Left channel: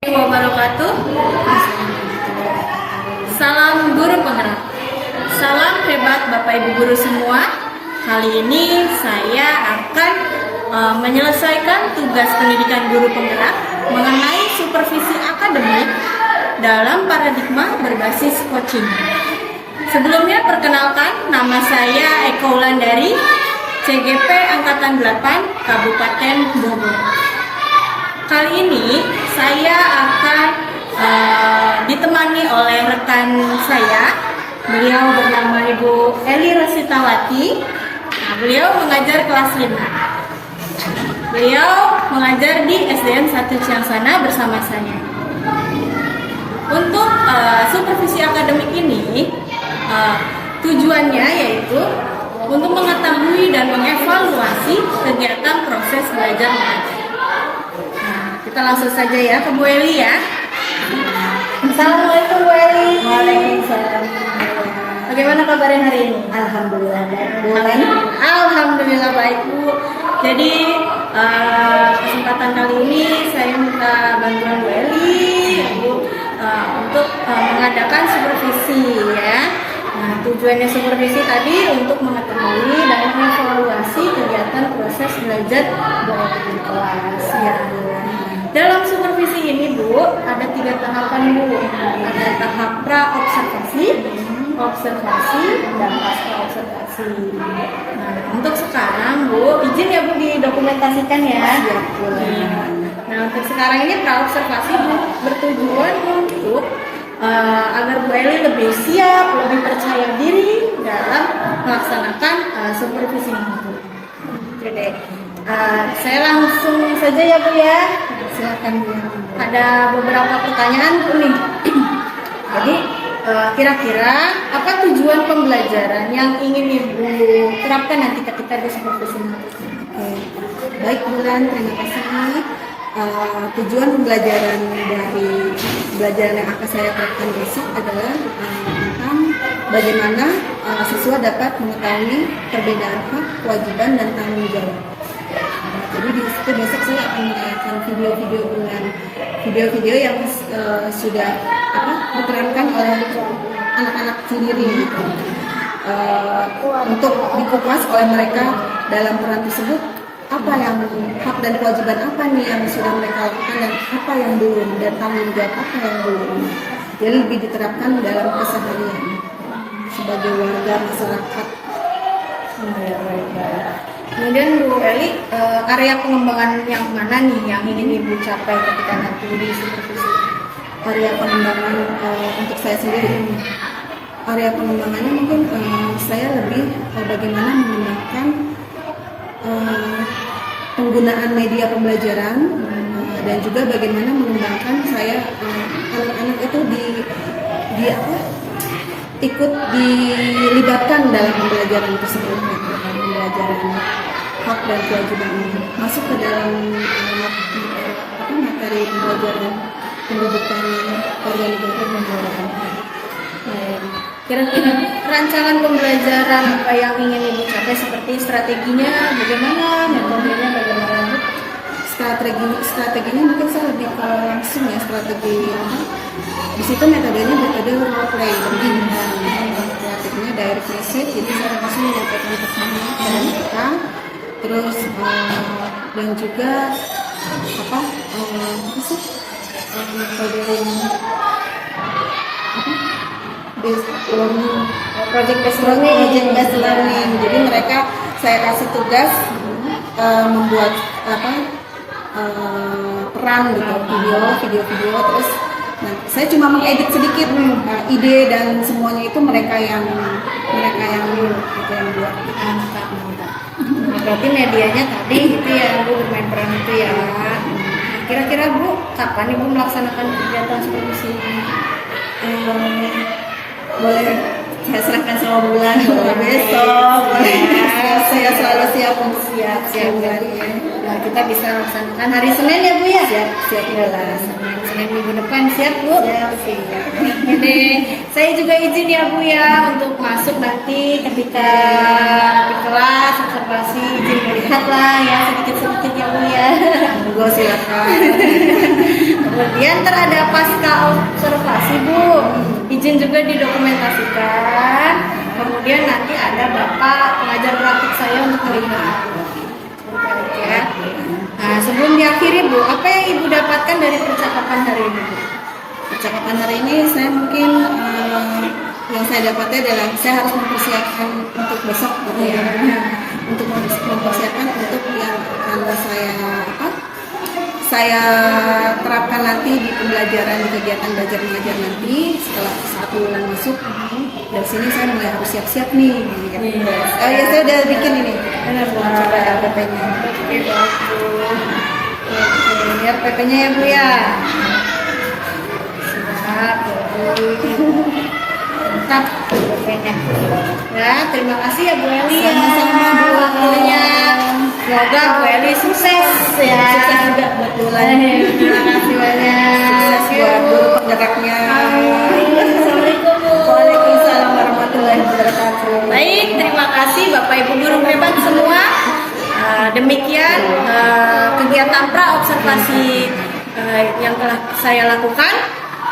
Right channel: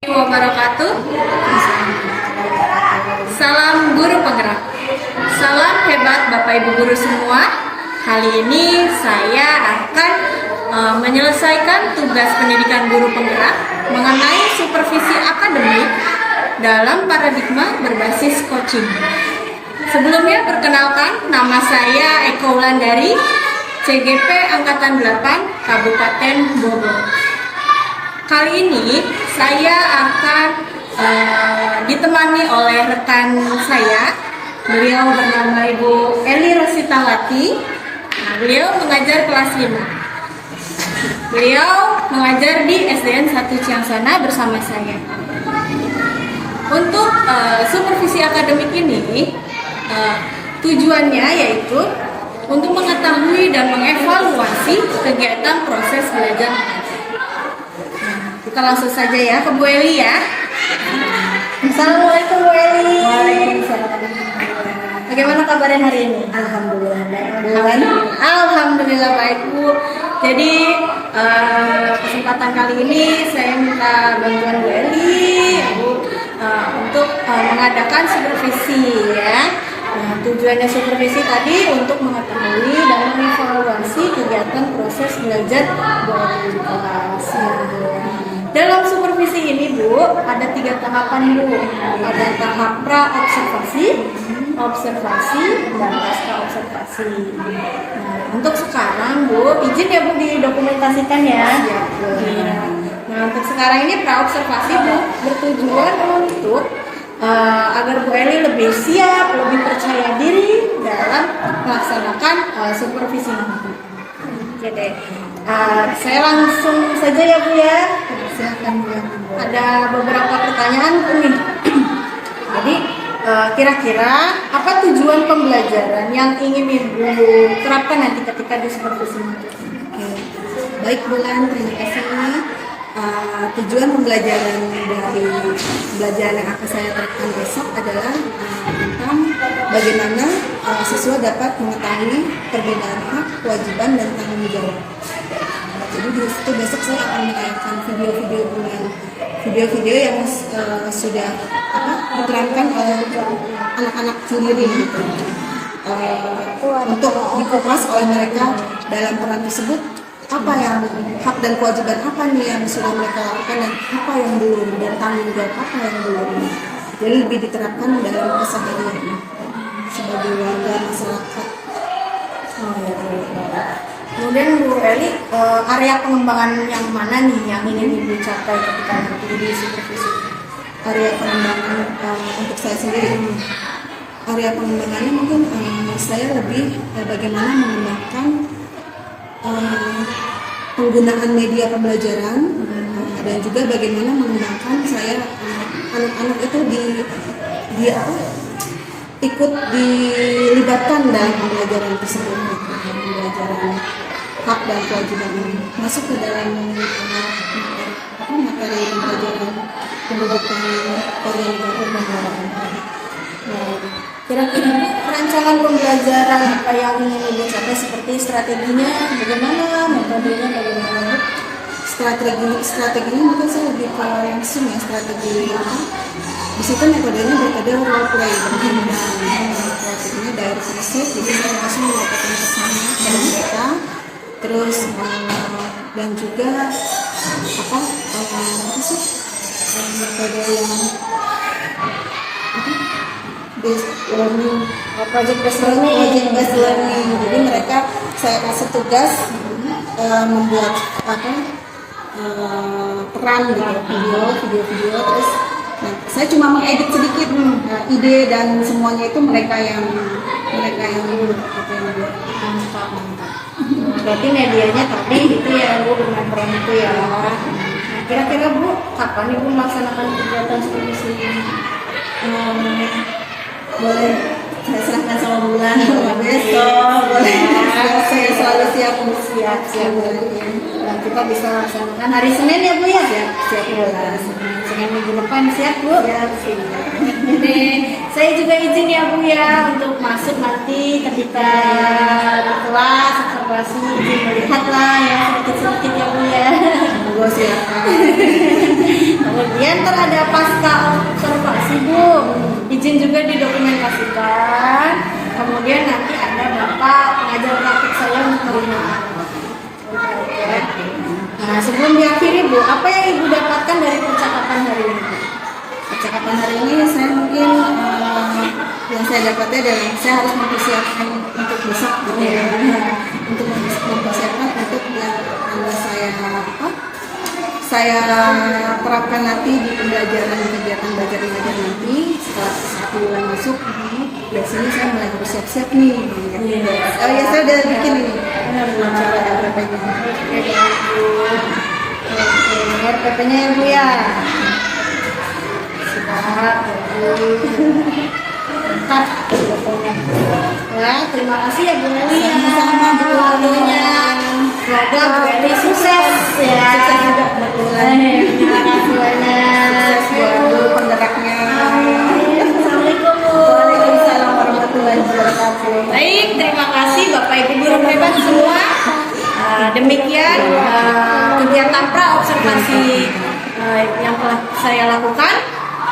Wabarakatuh. Salam guru penggerak. Salam hebat Bapak Ibu guru semua. Kali ini saya akan menyelesaikan tugas pendidikan guru penggerak mengenai supervisi akademik dalam paradigma berbasis coaching. Sebelumnya perkenalkan, nama saya Eko Wulandari, CGP Angkatan 8 Kabupaten Bogor. Kali ini saya akan ditemani oleh rekan saya. Beliau bernama Ibu Eli Rositawati. Nah, beliau mengajar kelas 5. Beliau mengajar di SDN 1 Ciangsana bersama saya. Untuk supervisi akademik ini, tujuannya yaitu untuk mengetahui dan mengevaluasi kegiatan proses belajar mengajar. Kita langsung saja ya ke Bu Eli ya. Assalamualaikum Bu Eli. Waalaikumsalam. Bagaimana kabarnya hari ini? Alhamdulillah baik. Alhamdulillah baik Bu. Jadi kesempatan kali ini saya minta bantuan Bu Eli untuk mengadakan supervisi ya. Nah, tujuannya supervisi tadi untuk mengetahui dan mengevaluasi kegiatan proses belajar di kelas ya Bu. Dalam supervisi ini Bu, ada 3 tahapan Bu. Ada tahap pra-observasi, observasi, dan pasca-observasi. Nah, untuk sekarang Bu, izin ya Bu didokumentasikan ya. Siap boleh. Nah, untuk sekarang ini pra-observasi Bu bertujuan untuk agar Bu Eli lebih siap, lebih percaya diri dalam melaksanakan supervisi ini. Jadi, saya langsung saja ya Bu ya. Silakan Bu. Ada beberapa pertanyaan Bu nih. Jadi kira-kira apa tujuan pembelajaran yang ingin Ibu terapkan nanti ketika di supervisi nanti? Oke. Baik Bulan, terima kasih. Tujuan pembelajaran dari pembelajaran yang akan saya terapkan besok adalah tentang bagaimana siswa dapat mengetahui perbedaan hak, kewajiban, dan tanggung jawab. Jadi di situ besok saya akan menayangkan video-video yang sudah diterapkan oleh anak-anak sendiri gitu. Untuk dikupas oleh mereka dalam peran tersebut, apa yang hak dan kewajiban apa nih yang sudah mereka lakukan dan apa yang belum, dan tanggung jawab apa yang belum. Jadi lebih diterapkan dalam keseharian sebagai warga masyarakat. Kemudian Bu Eli, area pengembangan yang mana nih yang ingin Ibu capai ketika nanti di supervisi? Area pengembangan untuk saya sendiri, area pengembangannya mungkin saya lebih bagaimana menggunakan penggunaan media pembelajaran dan juga bagaimana mengembangkan saya anak-anak itu ikut dilibatkan dalam pembelajaran tersebut, pembelajaran hak dan kewajiban ini masuk ke dalam materi pembelajaran pendidikan organisasi dan olahraga. Kira-kira Bu, rancangan pembelajaran apa yang ingin Ibu capai, seperti strateginya bagaimana, metodenya bagaimana Bu? Strateginya mungkin saya lebih ke langsung ya, strategi di situ metodenya metode role play, strateginya direct message, jadi saya langsung menyampaikan pesannya kepada mereka, terus dan juga metode yang based learning, Project based learning. jadi mereka saya kasih tugas membuat peran gitu, video, terus saya cuma mengedit sedikit ide dan semuanya itu mereka yang buat. Mantap. Nah, berarti medianya tadi gitu ya Bu, bermain peran itu ya. Nah, kira-kira Bu, kapan Ibu melaksanakan kegiatan supervisi ini? Boleh saya serahkan sama Bulan, boleh besok, boleh. Saya selalu siap untuk siap Bulan ini. Nah, kita bisa laksanakan hari Senin ya Bu ya? Siap Bulan. Senin minggu depan siap Bu? Siap. Jadi saya juga izin ya Bu ya untuk masuk nanti ketika di kelas observasi, izin melihat lah ya sedikit-sedikit ya Bu ya. Monggo silakan. Kemudian ntar ada pasca observasi Bu, izin juga didokumentasikan. Kemudian nanti ada bapak pengajar praktik saya untuk melihat. Nah, sebelum diakhiri Bu, apa yang Ibu dapatkan dari percakapan hari ini Bu? Percakapan hari ini saya mungkin yang saya dapatnya adalah saya harus mempersiapkan untuk besok gitu ya. Untuk mempersiapkan untuk yang akan saya terapkan nanti di pembelajaran kegiatan belajar mengajar nanti setelah 1 bulan masuk. Dari sini saya mulai harus siap-siap nih. Gitu. Oh ya, saya udah bikin ini. Coba RPP-nya. Oke, RPP-nya ya Bu ya. Siap, ya Bu. Mantap RPP-nya. Ya, terima kasih ya Bu Eli ya. Sama-sama Bu waktunya. Semoga Bu Eli sukses ya. Sukses juga buat bulan. Terima kasih banyak. Sukses buat guru penggeraknya. Assalamualaikum Bu. Waalaikumsalam warahmatullahi wabarakatuh. Baik, terima kasih Bapak Ibu guru hebat semua. Demikian kegiatan pra observasi yang telah saya lakukan.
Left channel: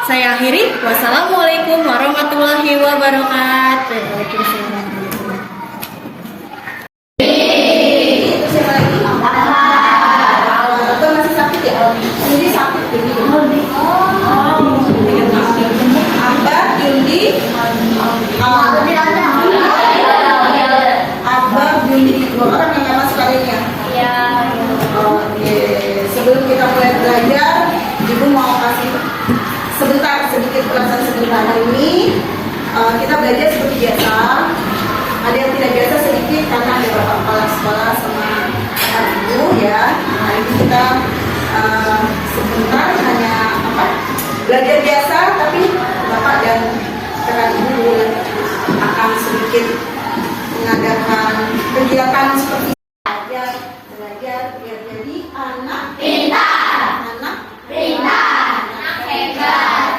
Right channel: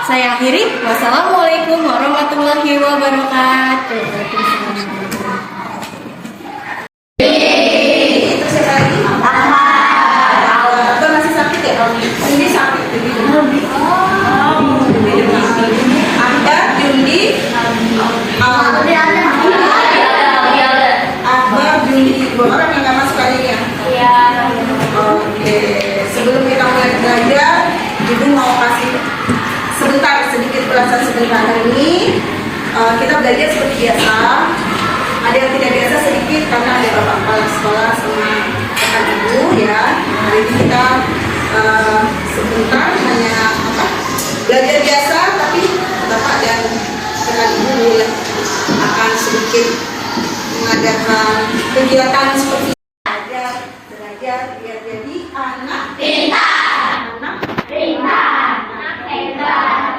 Saya akhiri. Wassalamualaikum warahmatullahi wabarakatuh. Waalaikumsalam. Masih sakit ya? Ini sakit jadi Akbar, Jundi, Akbar, Jundi, 2 orang yang nggak masuk hari ini ya? Iya. Oke, sebelum kita mulai belajar, Ibu mau kasih sedikit ulasan sebentar. Hari ini kita belajar seperti biasa. Ada yang tidak biasa sedikit karena ada bapak kepala sekolah sama kakak ibu ya. Hari ini kita sebentar hanya belajar biasa, tapi bapak dan kakak ibu akan sedikit mengadakan kegiatan seperti belajar biar jadi anak pintar, anak hebat,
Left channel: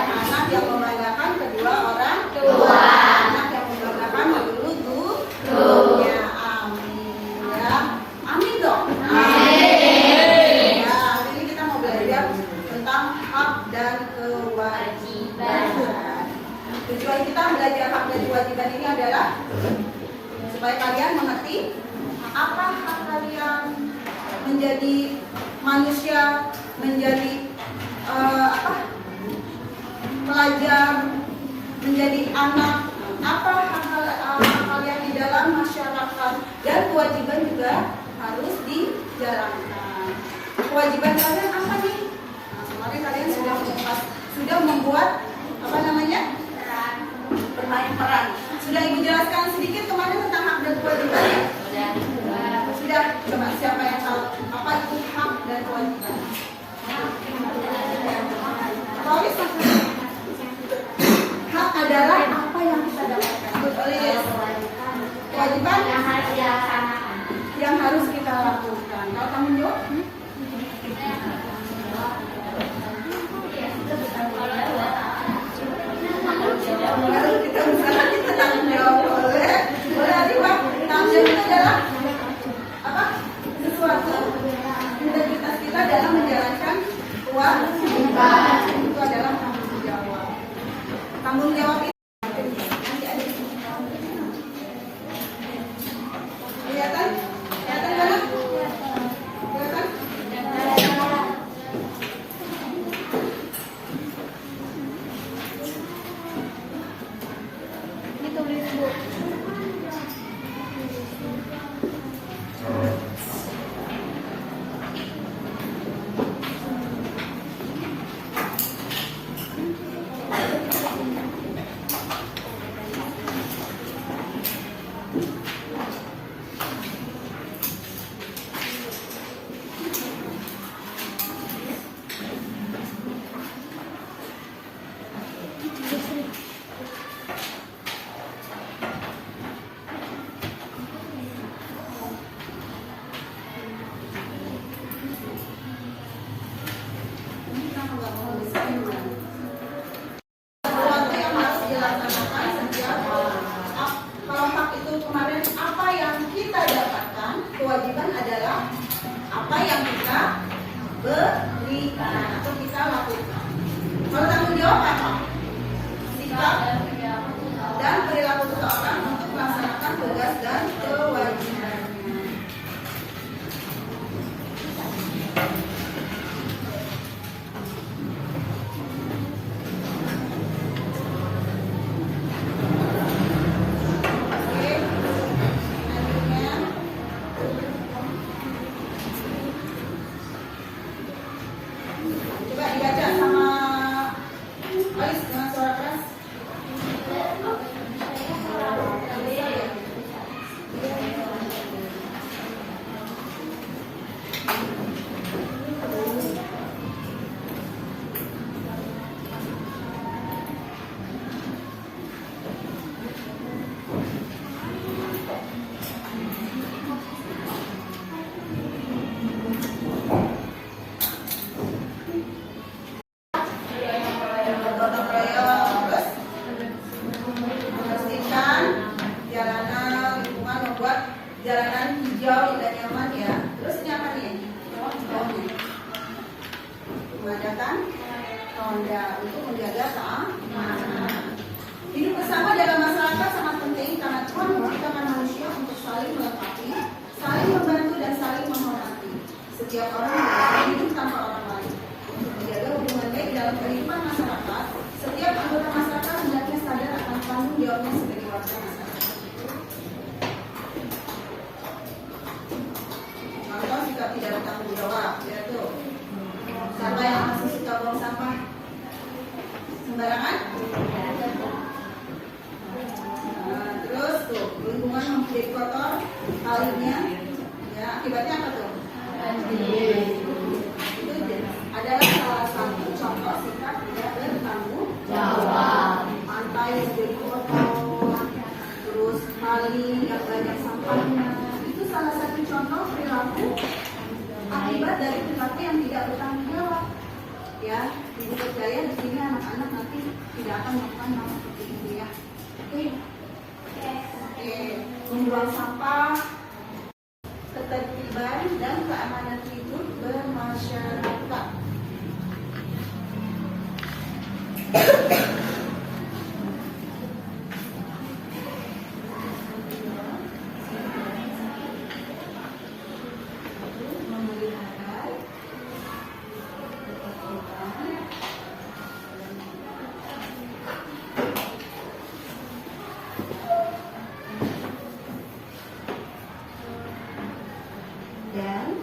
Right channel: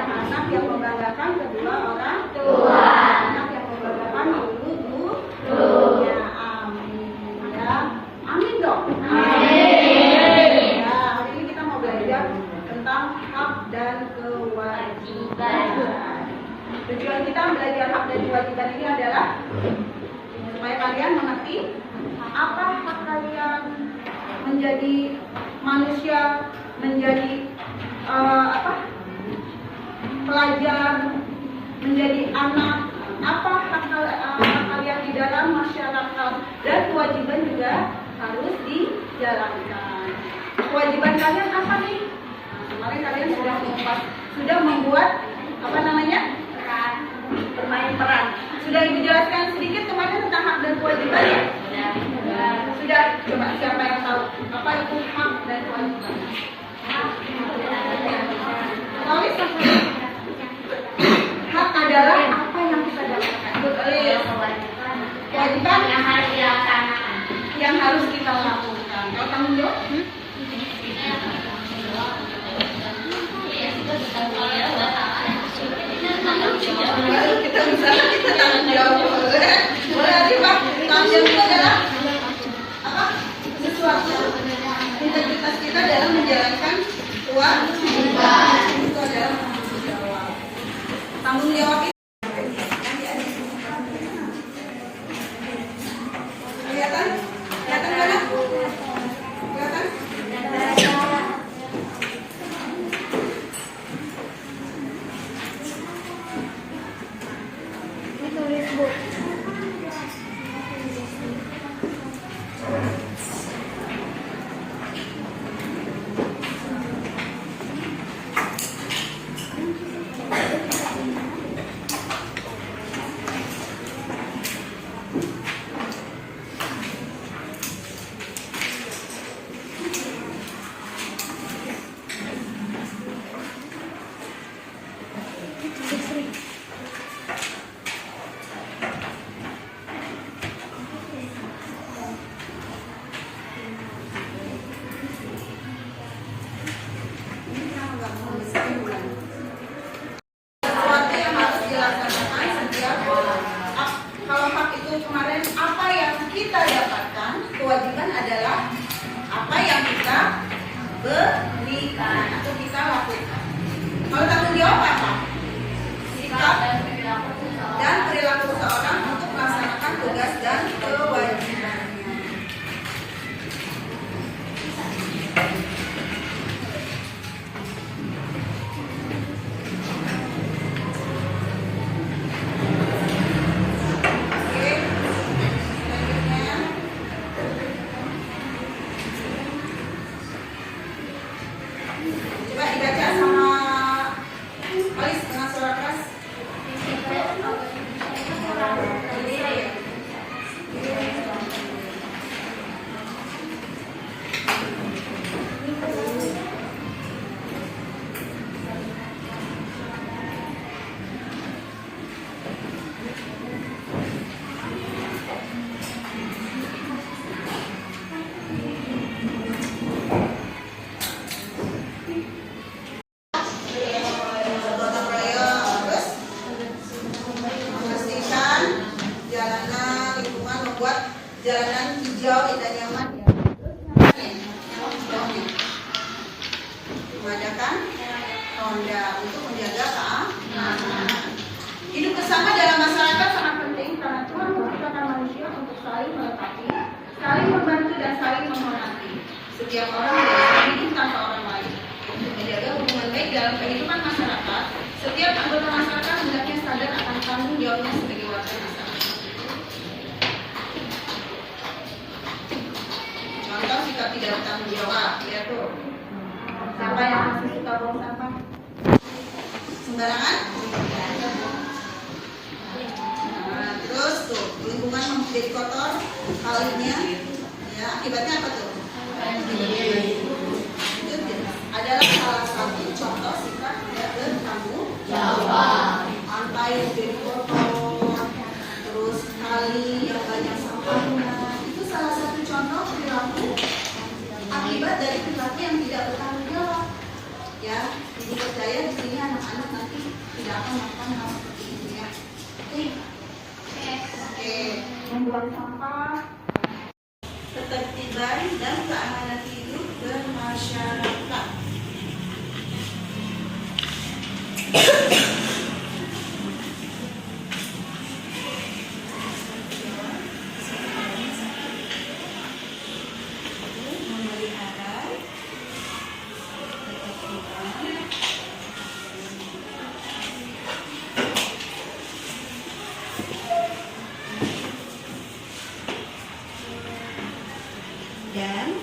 anak yang membanggakan kedua orang tua, anak yang membanggakan gurunya. Amin ya, amin dong. Amin. Nah, hari ini kita mau belajar tentang hak dan kewajiban. Tujuan kita belajar hak dan kewajiban ini adalah supaya kalian mengerti apa hak kalian menjadi manusia, menjadi pelajar, menjadi anak, apa hak kalian di dalam masyarakat, dan kewajiban juga harus dijalankan. Kewajiban kalian apa nih? Nah, kemarin kalian sudah membuat bermain peran. Sudah Ibu jelaskan sedikit kemarin tentang hak dan kewajiban ya? Sudah. Coba siapa yang tahu apa itu hak dan kewajiban? Hak adalah apa yang kita dapatkan. Kewajiban yang harus kita lakukan. Kalau tanggung jawab? Kita tanggung jawab. Boleh Pak. Tanggung jawab itu adalah apa? Sesuatu integritas kita dalam menjalankan kewajiban. Itu adalah tanggung jawab. Tanggung jawab itu kelihatan mana? Kelihatan? Kewajiban adalah apa yang kita berikan atau kita lakukan. jawab apa? Sikap dan perilaku seseorang untuk melaksanakan tugas dan kewajibannya. Coba dibaca sama Alis dengan suara keras. Gotong royong, terus membersihkan jalanan, lingkungan, membuat jalanan hijau, indah, nyaman ya. Terus nyaman hijau nih. Mengadakan ronda untuk menjaga keamanan. Hidup bersama dalam masyarakat sangat penting karena Tuhan menciptakan manusia untuk saling melengkapi, saling membantu dan saling menghormati. Setiap orang bisa hidup tanpa orang lain. Untuk menjaga hubungan baik dalam kehidupan masyarakat, setiap anggota masyarakat hendaknya sadar akan tanggung jawabnya sebagai warga masyarakat. Contoh sikap tidak bertanggung jawab, ya tuh. Siapa yang masih suka buang sampah? Sembarangan? Nah, terus tuh lingkungan menjadi kotor, kalinya, ya akibatnya apa tuh? Itu adalah salah satu contoh sikap tidak bertanggung jawab. Pantai yang jadi kotor, terus kali yang banyak sampahnya, itu salah satu contoh perilaku akibat dari perilaku yang tidak bertanggung jawab. Ya, ibu percaya di sini anak-anak nanti tidak akan melakukan hal seperti itu ya. Oke. Membuang sampah, ketertiban dan keamanan hidup bermasyarakat. Dan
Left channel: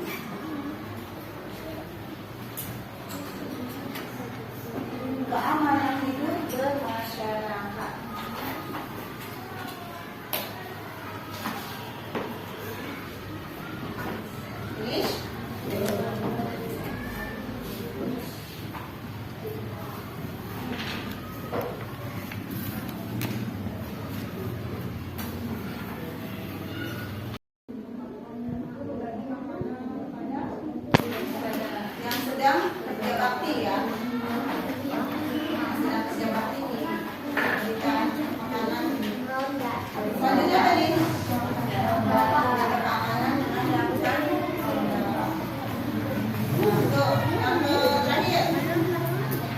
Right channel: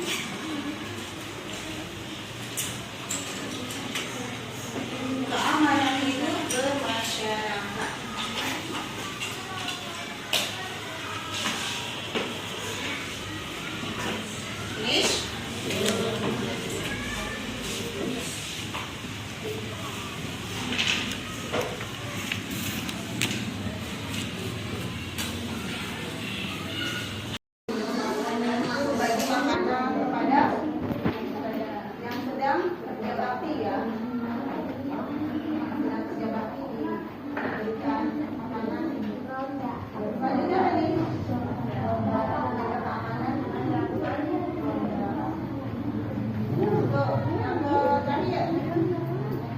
keamanan hidup bermasyarakat. Finish? Bagi makanan kepada yang sedang kerja bakti ya. Sedang kerja bakti berikan makanan. Selanjutnya tadi ada keamanan dengan melakukan untuk yang terakhir.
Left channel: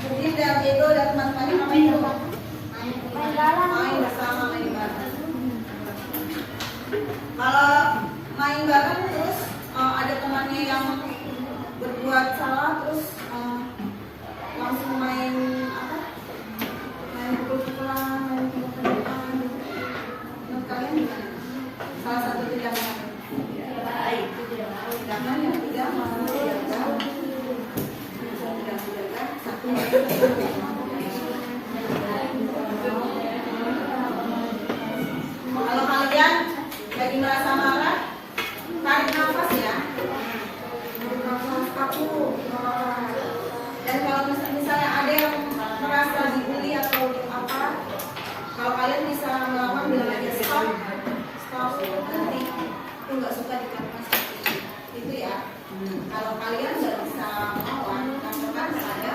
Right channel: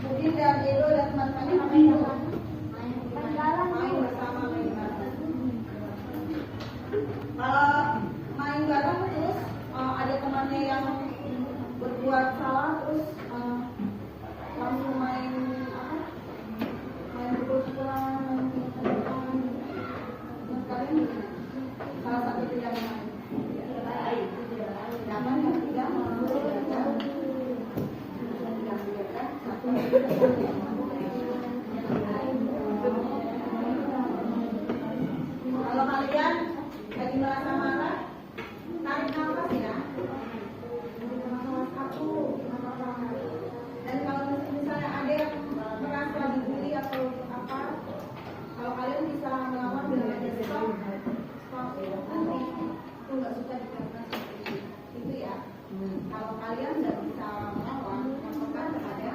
Udin dan Diego dan teman-temannya ngapain dulu? Main bersama, main bareng. Kalau main bareng terus ada temannya yang berbuat salah terus langsung main apa? Main pukul-pukulan, main pukul-pukulan. Menurut kalian gimana? Salah satu tindakan tindakan yang tidak mau menjaga satu kalau kalian lagi merasa marah, tarik nafas ya. Nafas kaku, dan kalau misalnya ada yang merasa dibully atau apa, kalau kalian bisa melawan bilang aja stop, berhenti. Aku nggak suka dikatakan seperti itu ya. Kalau kalian nggak bisa melawan, katakan saya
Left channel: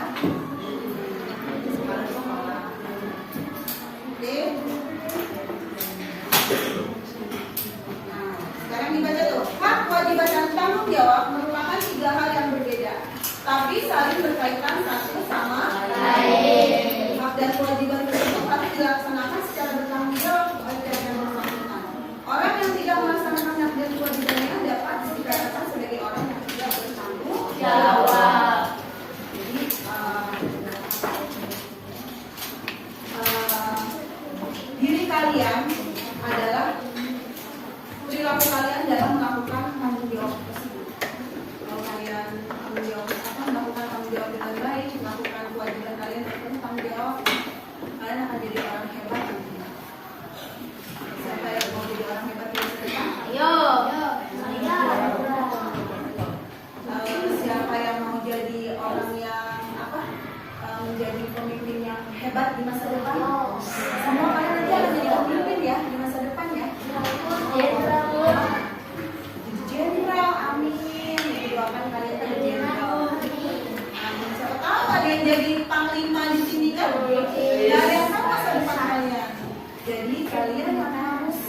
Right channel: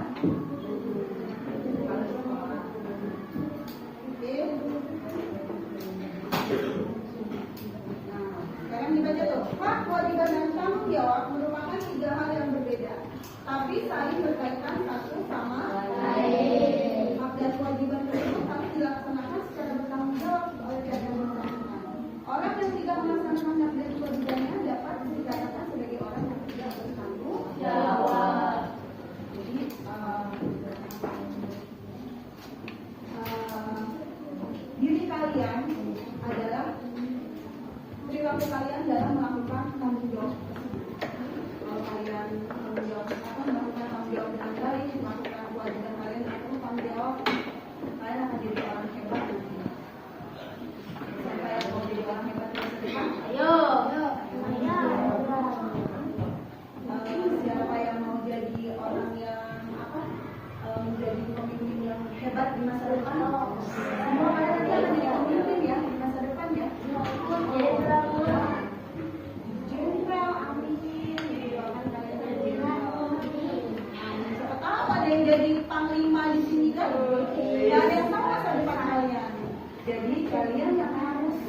hebat di masa depan. Semua kalian nanti akan jadi pemimpin ya di masa depan ya. Jenderal, amin. Doakan kalian jadi jenderal. Amin. Siapa tahu kalian jadi panglima di sini kan? Gak ada yang tahu masa depan kalian. Jadi kalian yang harus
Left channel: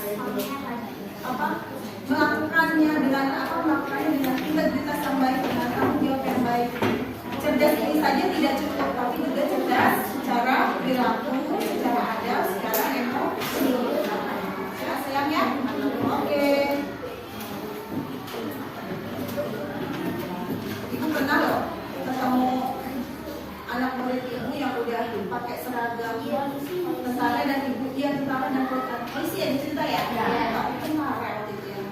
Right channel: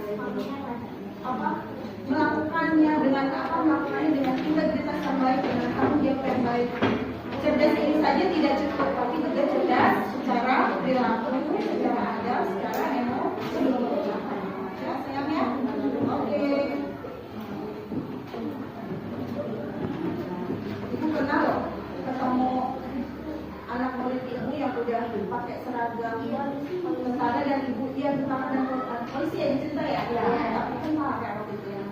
melakukannya dengan integritas yang baik, dengan tanggung jawab yang baik. Cerdas ini saja tidak cukup, tapi juga cerdas secara perilaku, secara adab, secara emosi. Ya, sayang ya. Oke. Ibu pernah loh ketemu anak murid ibu yang udah pakai seragam tentara dan ibu dia tentara dan polisi ya dicerita ya. Tapi kan marah waktu itu yang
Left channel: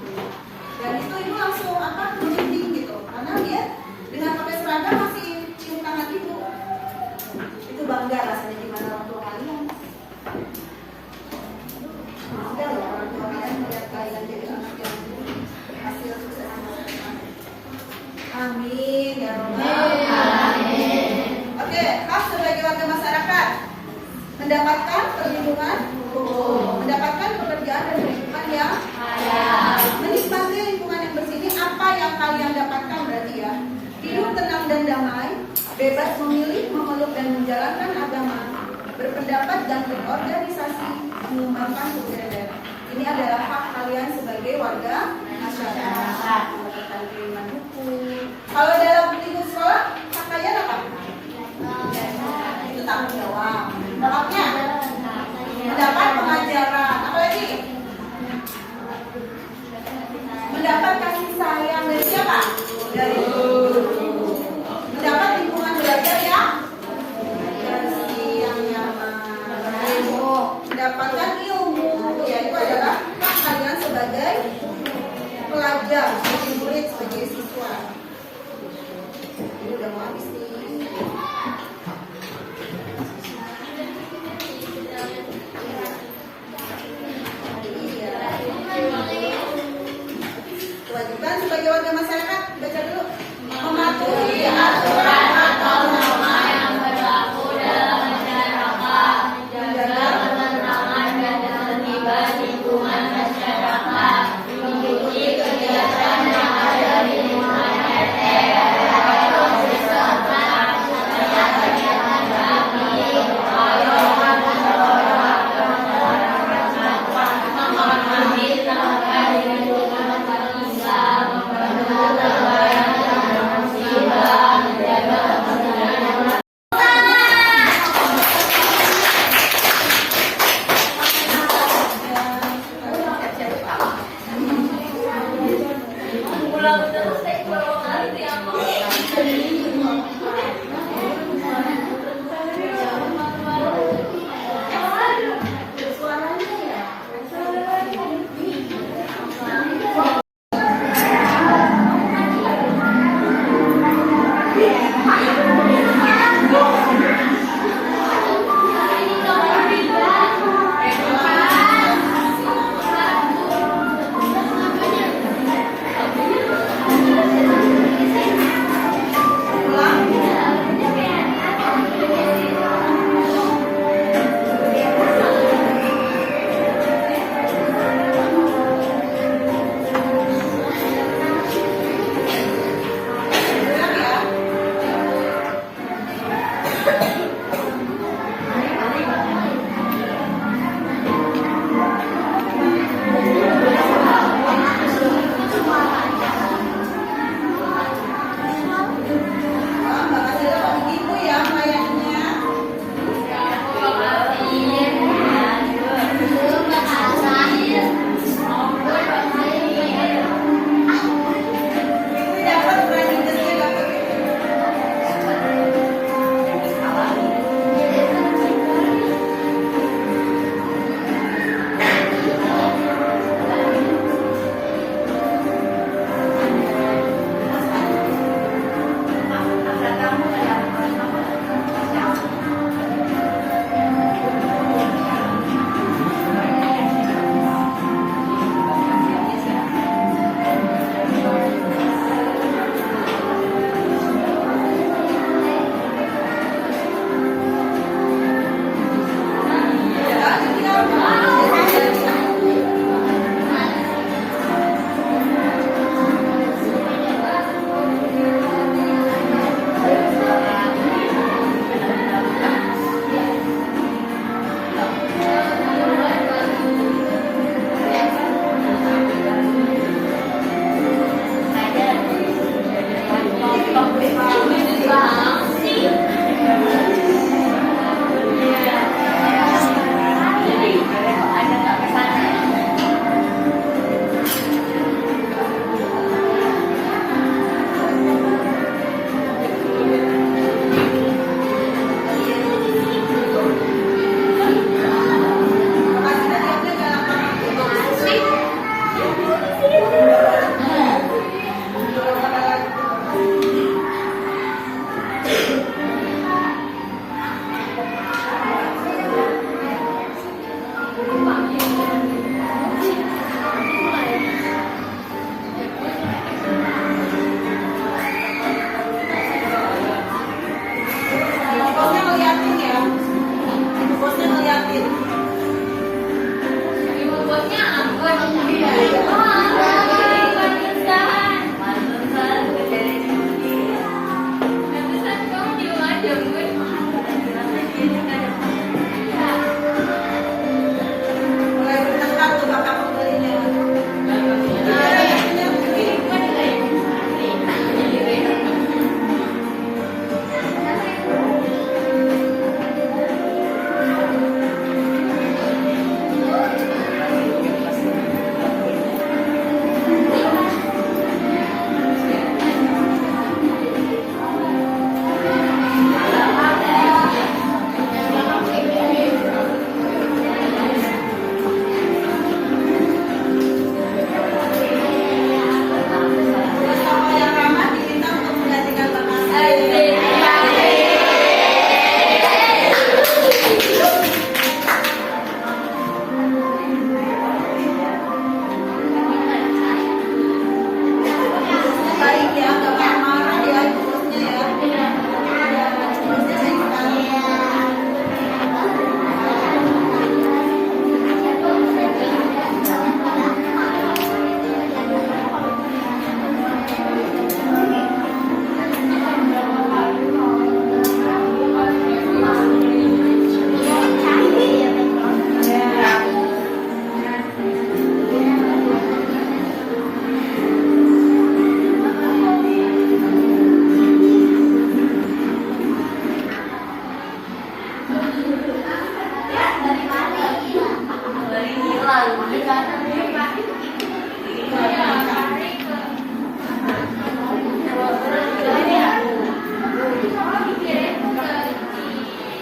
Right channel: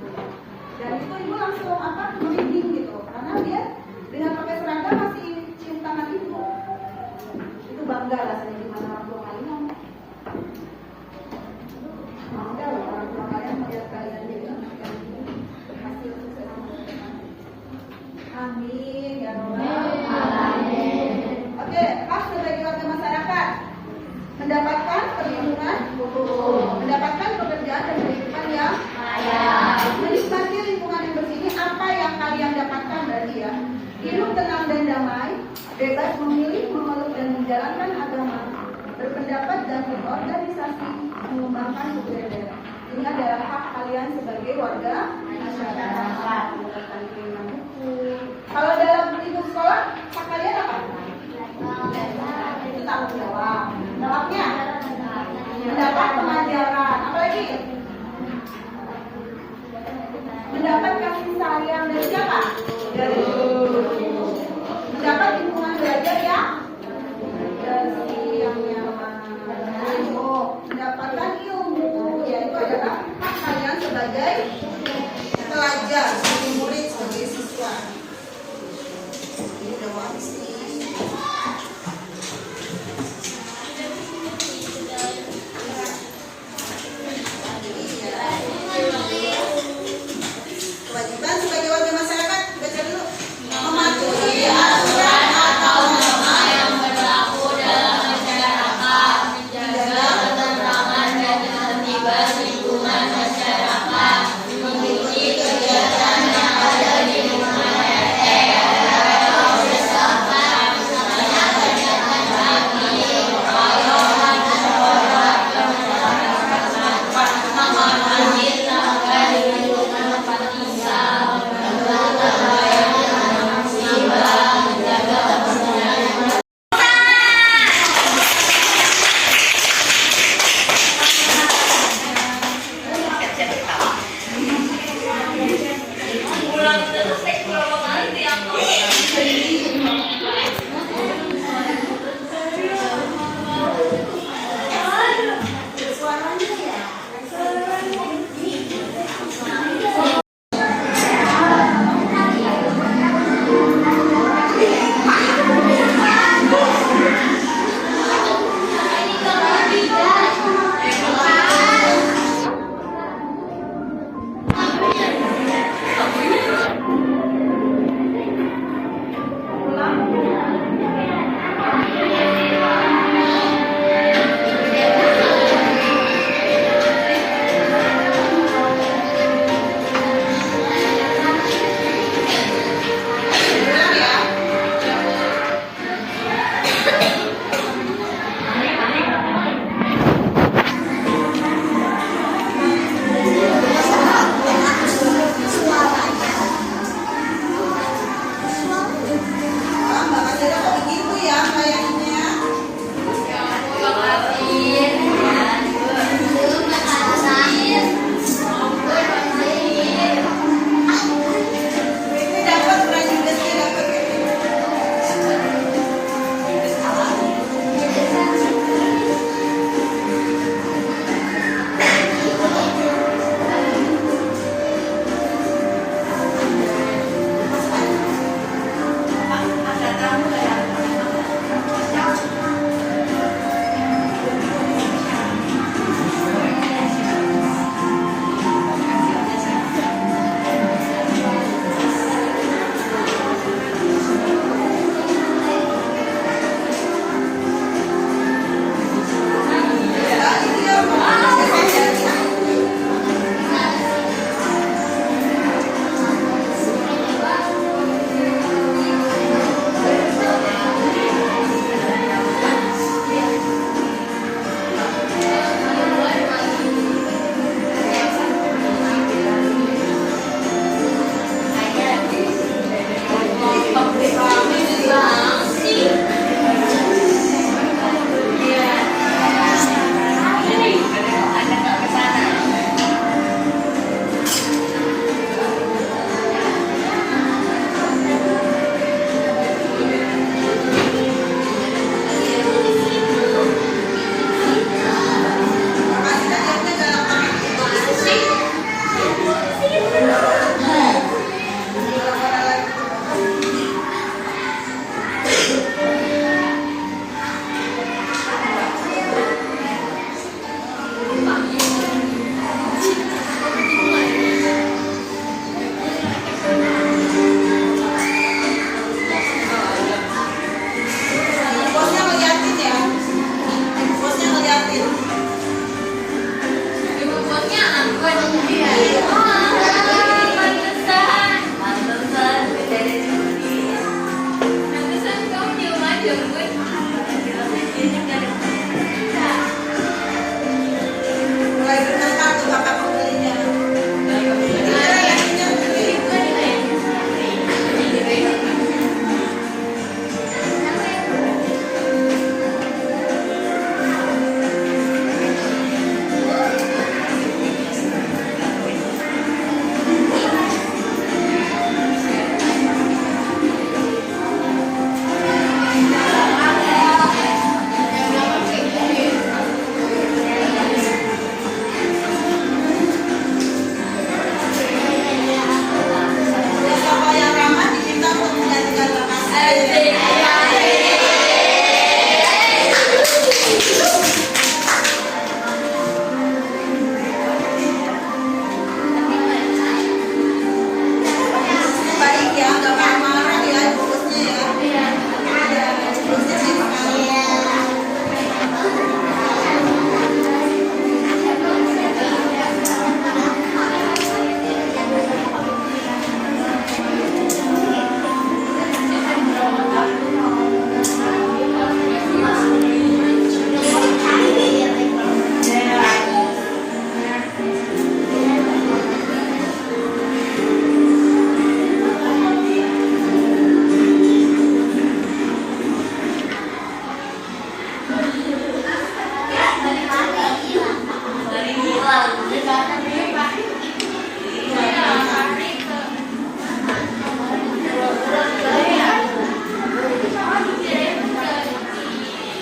dan itu ibu langsung merinding gitu karena dia dengan pakai seragam masih cium tangan ibu. Itu bangga rasanya gimana orang tua kalian. Bangga loh orang tua kalian melihat kalian jadi anak yang hasil sukses. Amin ya Rabbal alamin. Oke, hak sebagai warga masyarakat mendapatkan perlindungan hukum, mendapatkan pekerjaan dan kehidupan yang layak, menikmati lingkungan yang bersih. Ini apa yang kalian dapatkan berarti ya? Hidup tenang dan damai, bebas memilih, memeluk dan menjalankan agama, berpendapat dan berorganisasi, mengembangkan budaya. Ini adalah hak kalian sebagai warga masyarakat. Mendapatkan perlindungan hukum. Kalau dalam lingkup sekolah, hak kalian apa? Itu tanggung jawab. Haknya mendapat pengajaran. Apalagi mendapat kasih sayang dari siapa? Dari guru. Mendapat lingkungan belajar yang bersih, yang nyaman. Mendapatkan ilmu, yaitu adalah hak kalian sebagai pelajar, sebagai murid, sebagai siswa. Ini udah mau habis nih.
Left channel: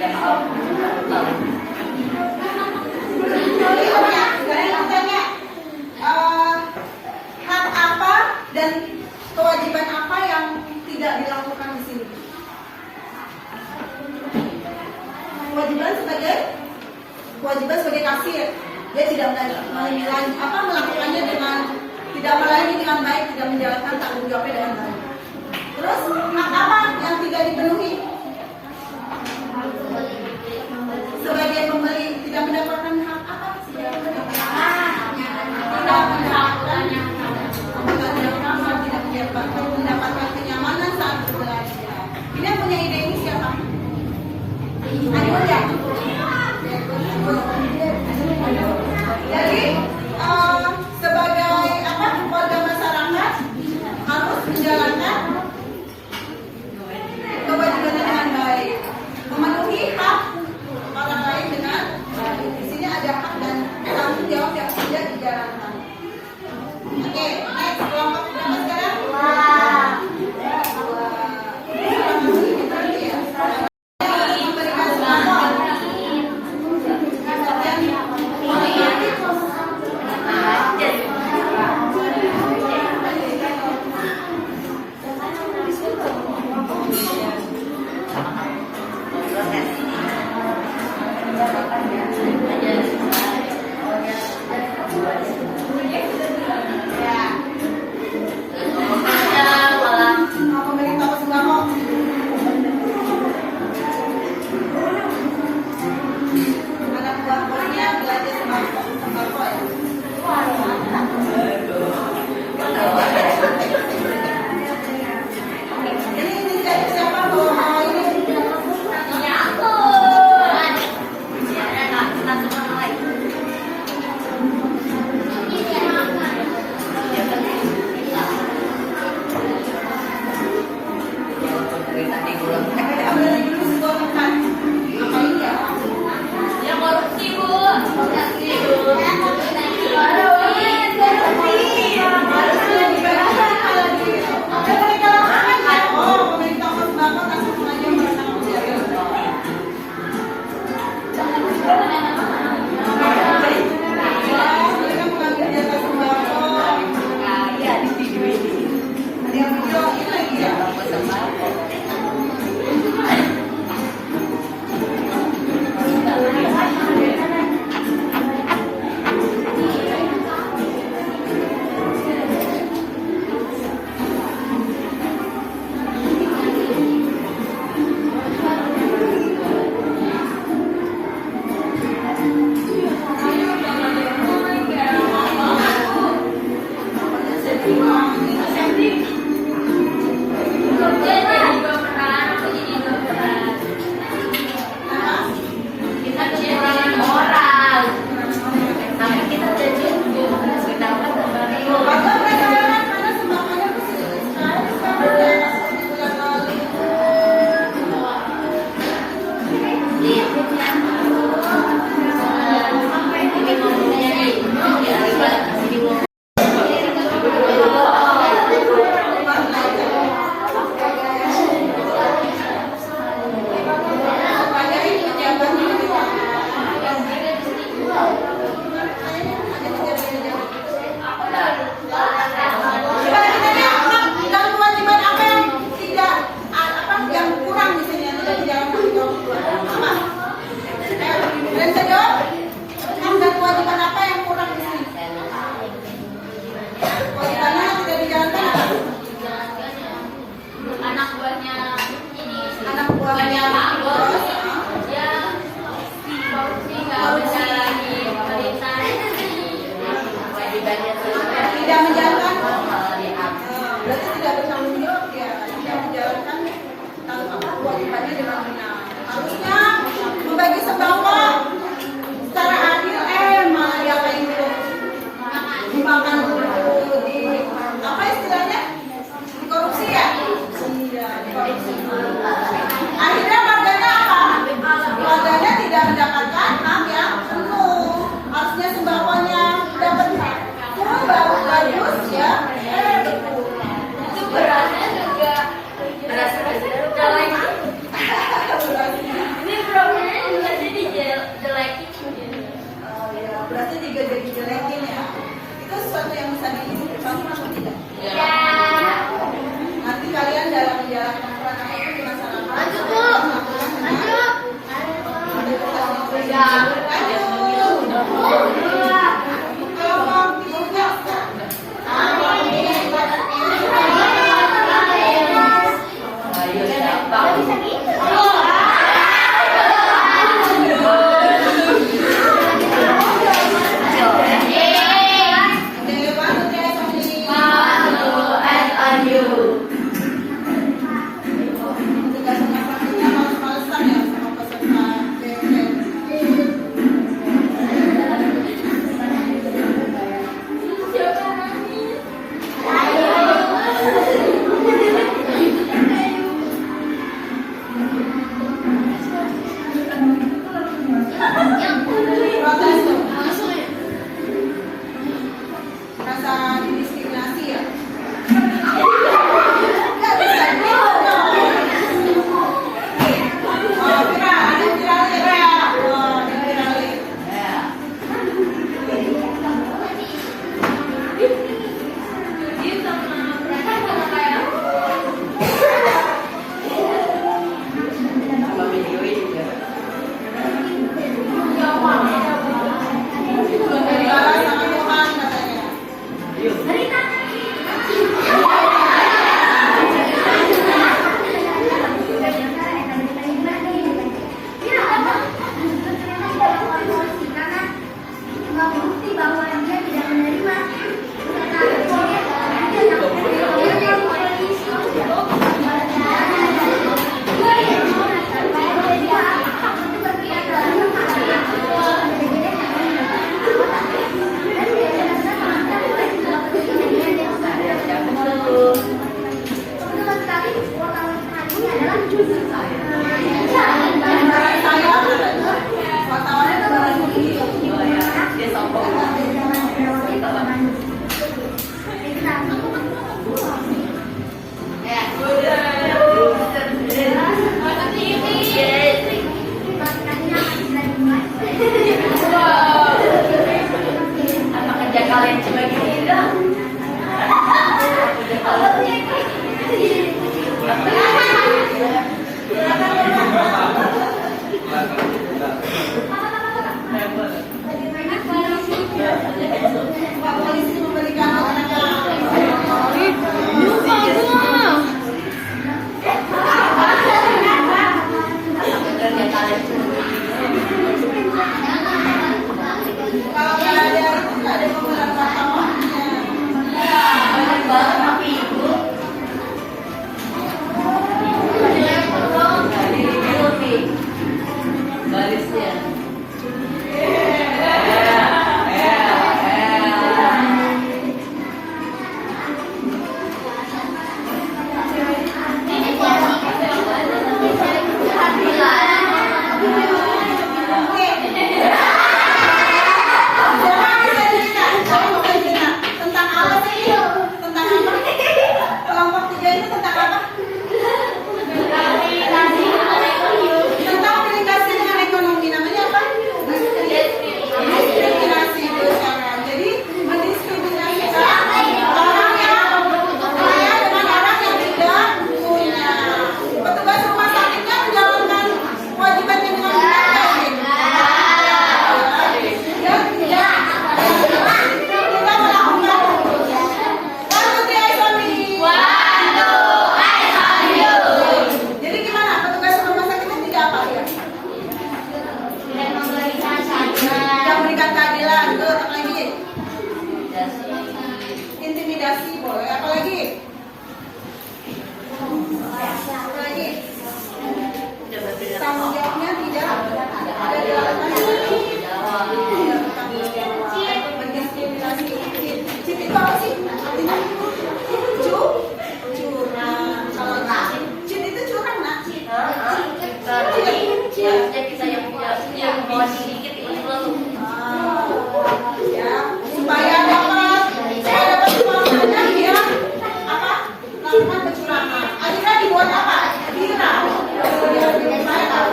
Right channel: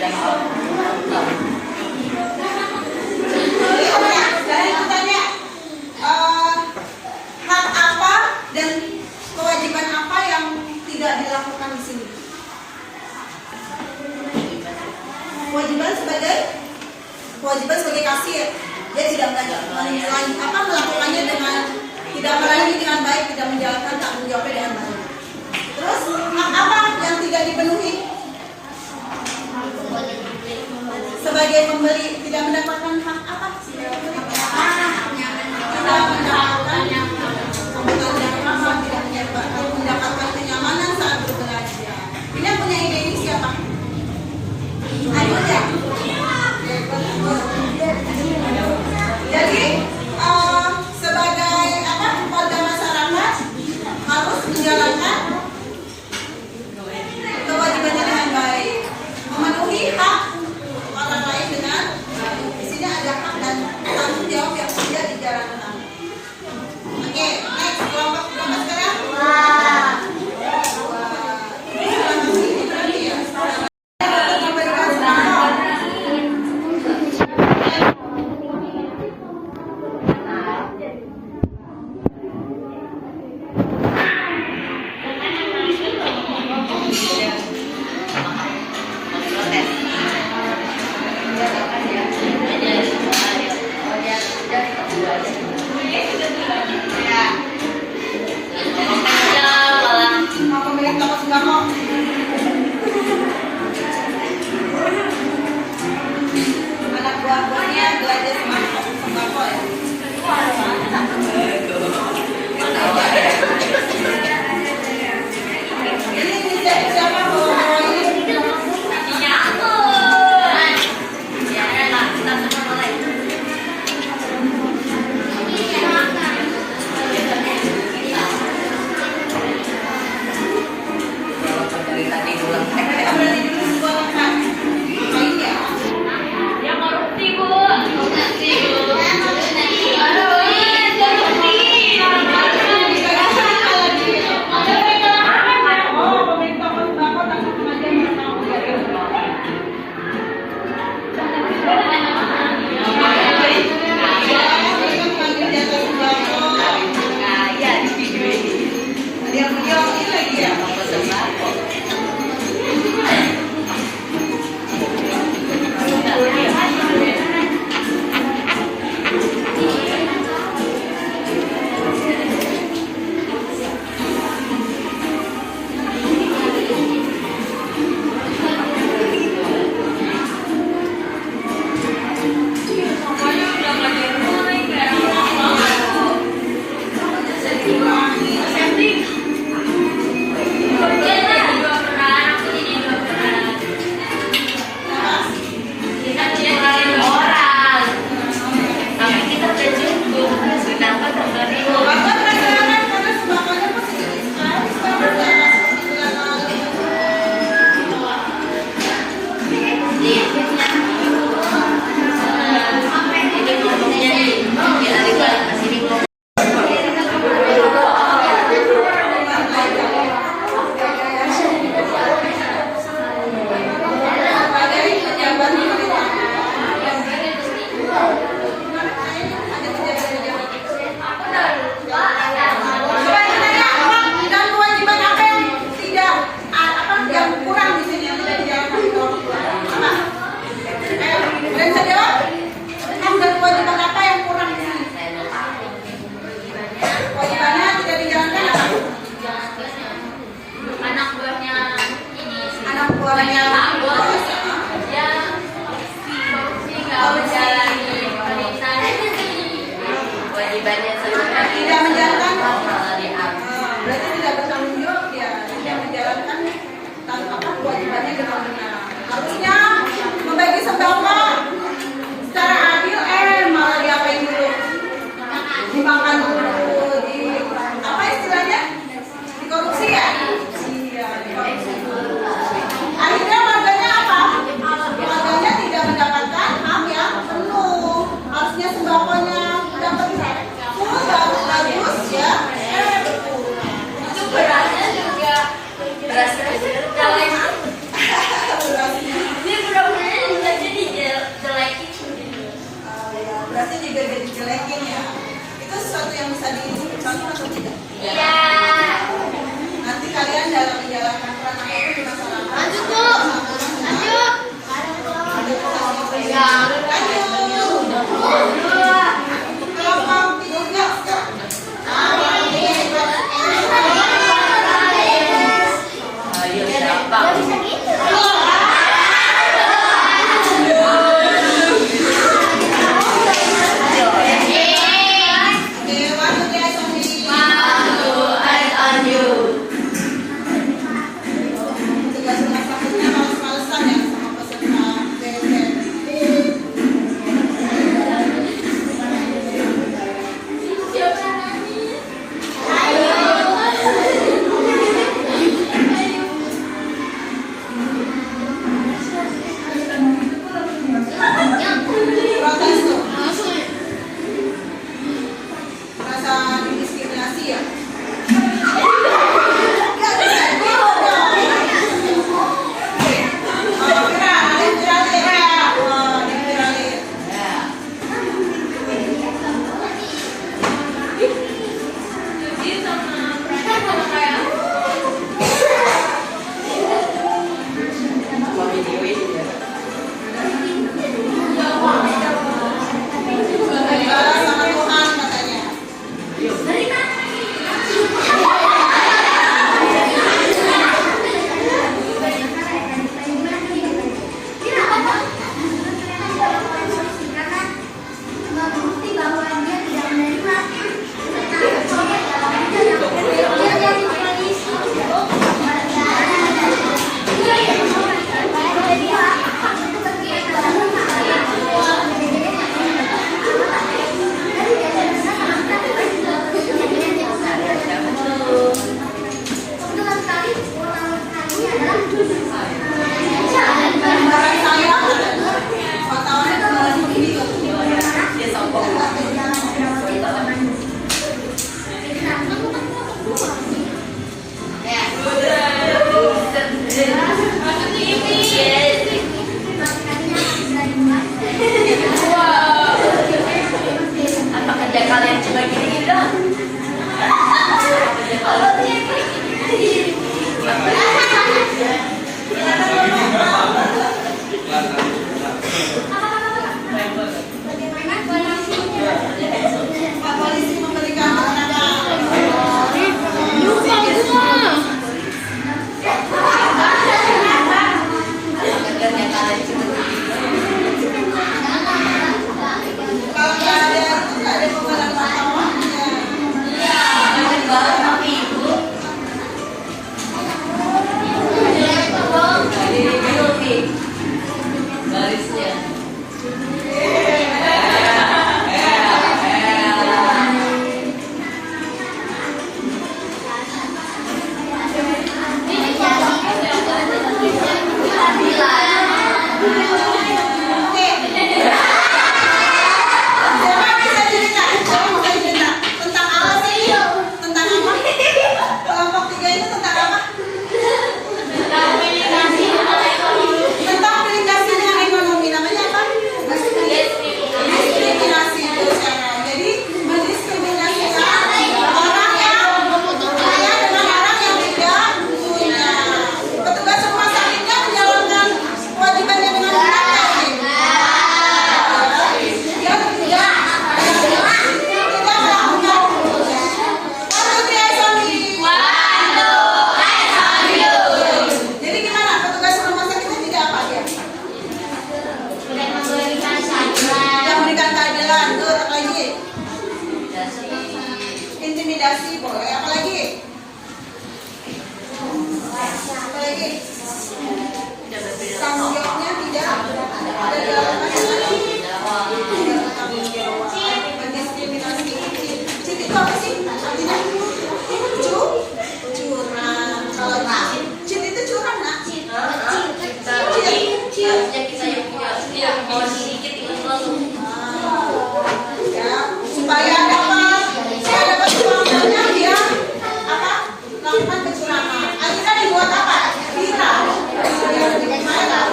Saya mau tanya, hak apa dan kewajiban apa yang tidak dilakukan di sini? Kewajiban sebagai kasir, dia tidak melakukannya dengan tidak melayani dengan baik, tidak menjalankan tanggung jawabnya dengan baik. Terus hak apa yang tidak dipenuhi? Sebagai pembeli tidak mendapatkan hak apa? Sebagai pembeli tidak mendapatkan kebutuhan yang sama, tidak mendapatkan kenyamanan saat berbelanja. Ini yang punya ide ini siapa? Ayo ya. Jadi sebagai warga masyarakat harus menjalankan kewajibannya dengan baik, memenuhi hak orang lain dengan di sini ada hak dan tanggung jawab yang sudah dijalankan. Oke, next kelompok berapa sekarang? Terima kasih. Memberikan semangat. intimidasi boleh, apa lagi? Apa lagi? Tanggung jawabnya tidak ada dilakukan tanggung jawab. Mendiskriminasi. Cheat itu apa sih? Artinya curang. Kalau cheat itu curang, nak? Harusnya kita yang mau sedikit Ya, supaya dapat semangatnya dia apa? Lakukan kecurangan. Akhirnya dibuat apa? Viral. Ya, viral.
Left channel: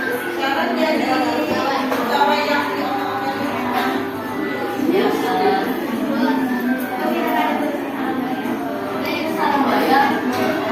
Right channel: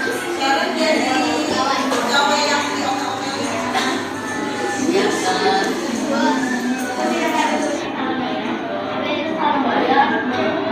Sekarang jadi pegawai yang diomongin. ya kan.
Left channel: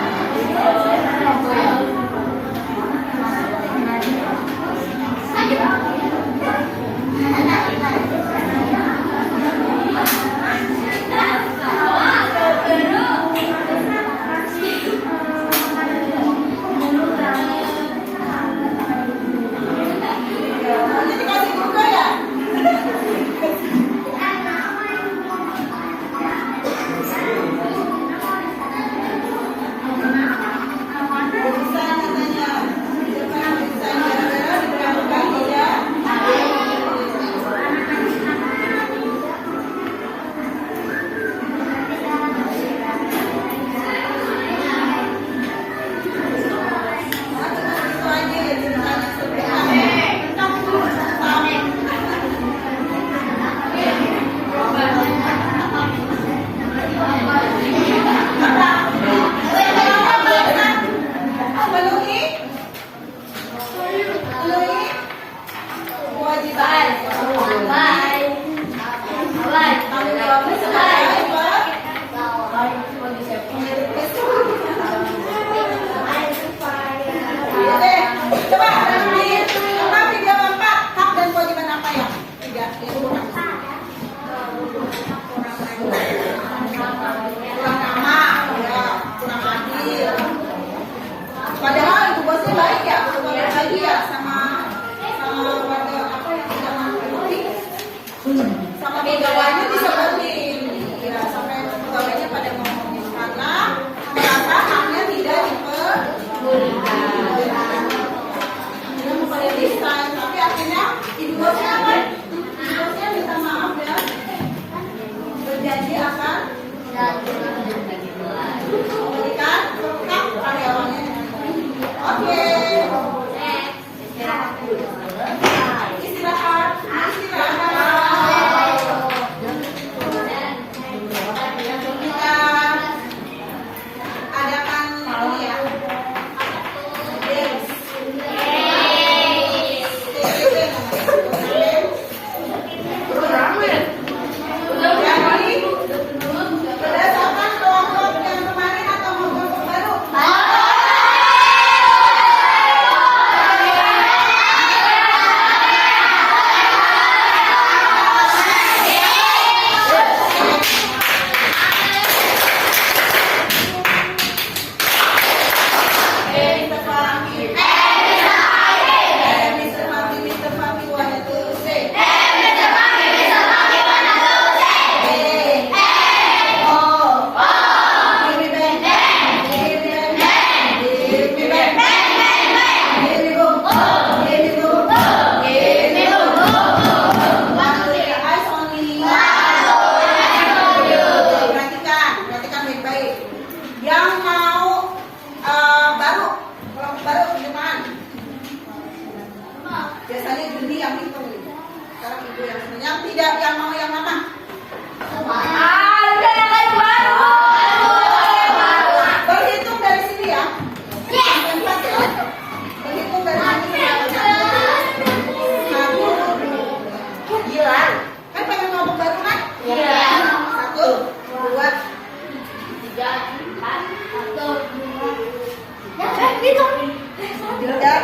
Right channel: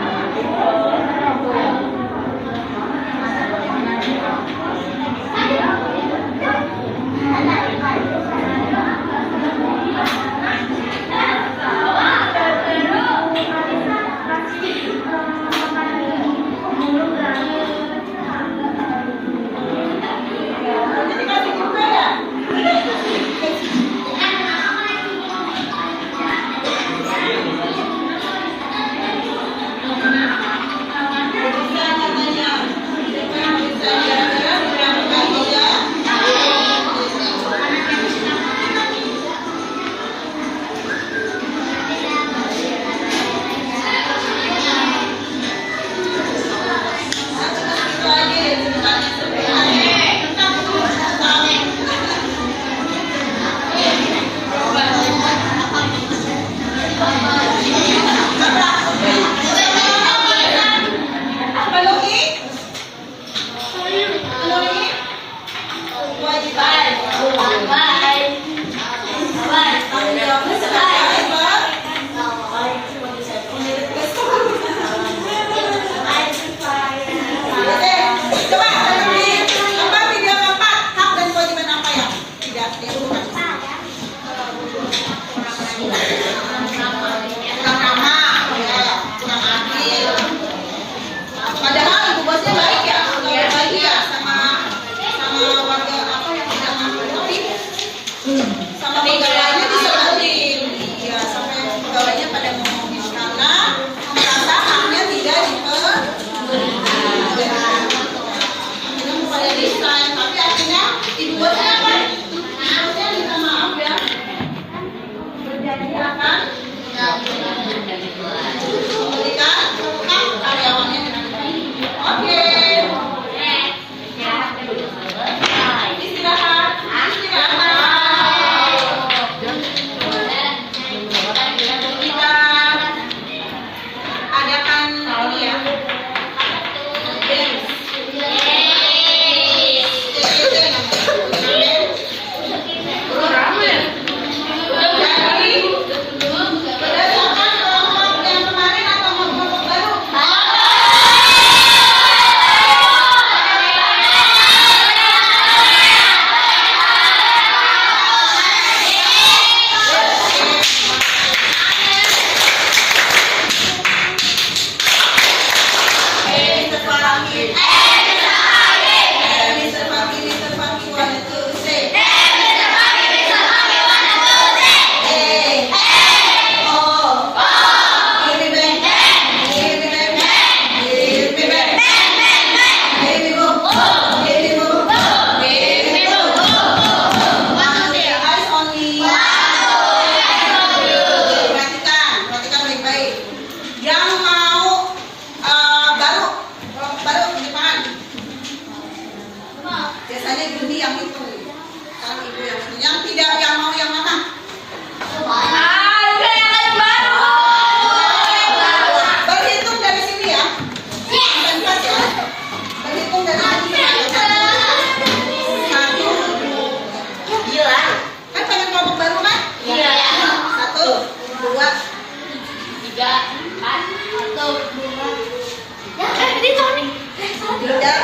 Tiga.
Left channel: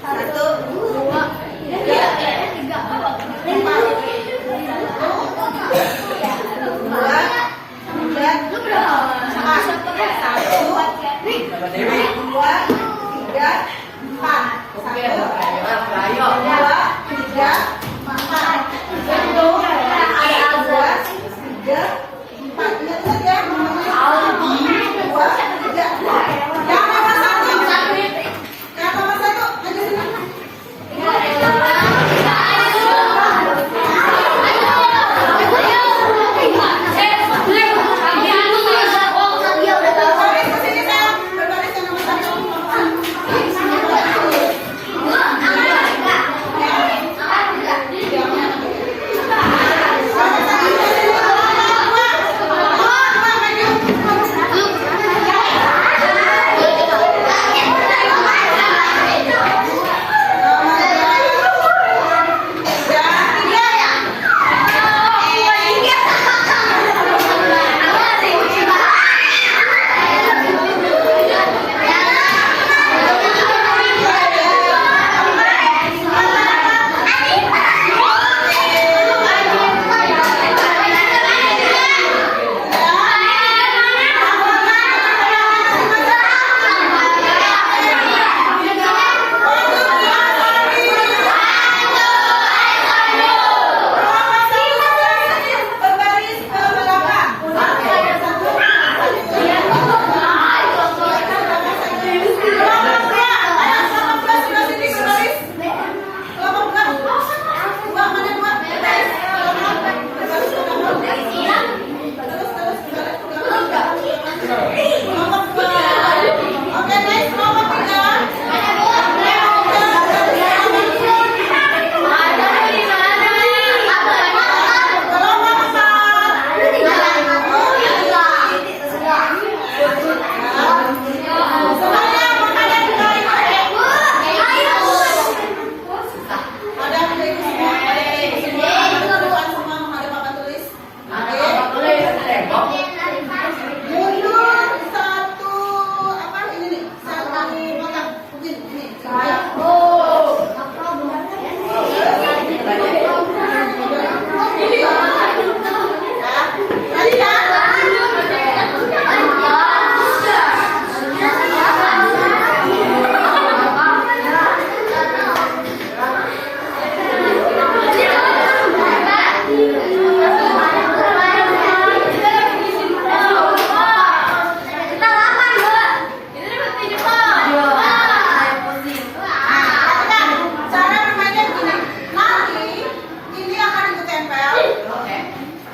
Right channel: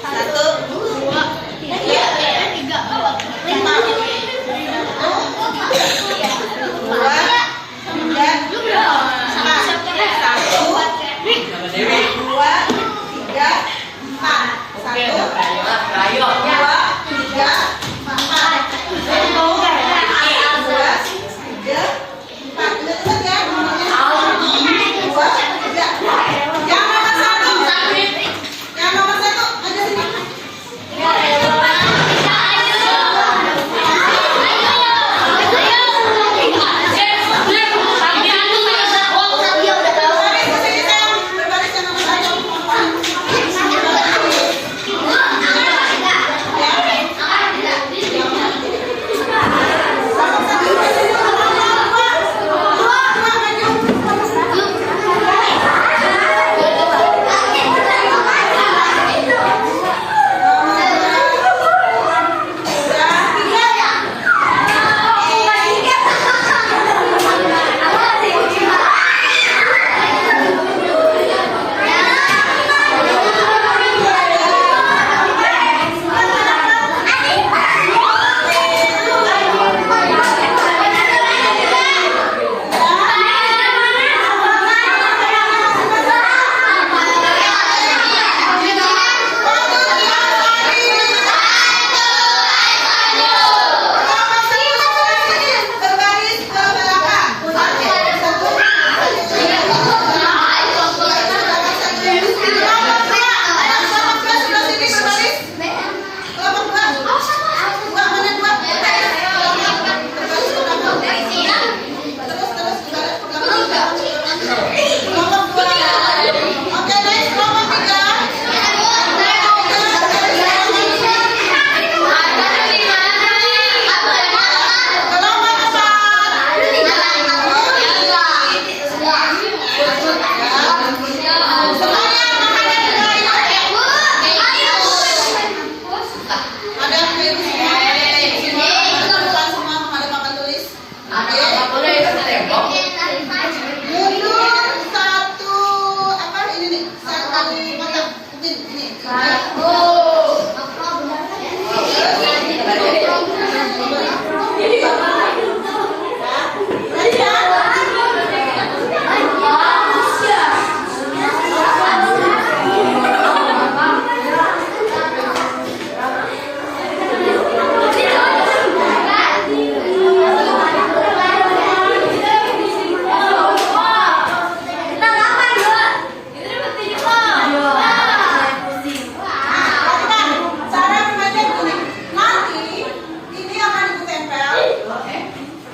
Satu. Dua. Tiga. Empat. Dua. Tiga. Empat. Satu. Dua. Tiga. Empat. Satu. Dua. Tiga. Empat. Dua. Tiga. Empat. Ingat ya. Dua. Tiga. Yang nomor satu. Yang nomor satu. Ada sini. Berbaris ke sini sayang. Berbaris yang nomor satu. Berbaris ke belakang. Oke, next kelompok tiga. Kelompok semuanya menghadap ke ibu. Ada yang ke ibu semua. Ada semua menghadap papan tulis. Mundur satu apa ini nih? Satu kotak putih ini. Cara bermainnya begini. Nanti ini akan ibu tempel.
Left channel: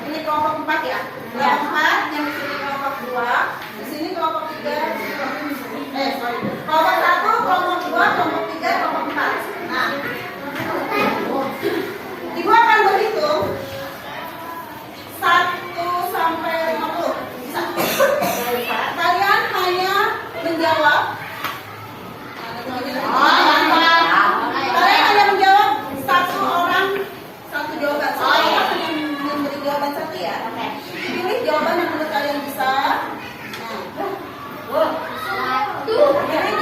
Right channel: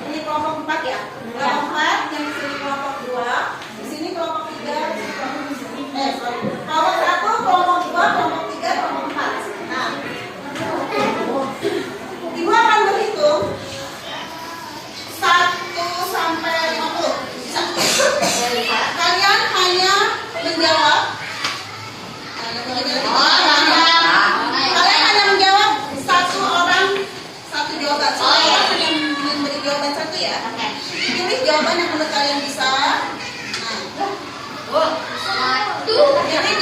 Ini kelompok 4 ya. Yang 4, yang di sini kelompok 2, di sini kelompok 3, sorry. Kelompok 1, kelompok 2, kelompok 3, kelompok 4. Nah, ibu akan berhitung 1 sampai 50. Bisa. Kalian hanya menjawab. Kalian hanya menjawab satu orang satu jawaban. Satu orang hanya memberi jawaban satu ya. Pilih jawaban yang menurut kalian bisa. Nah, pilih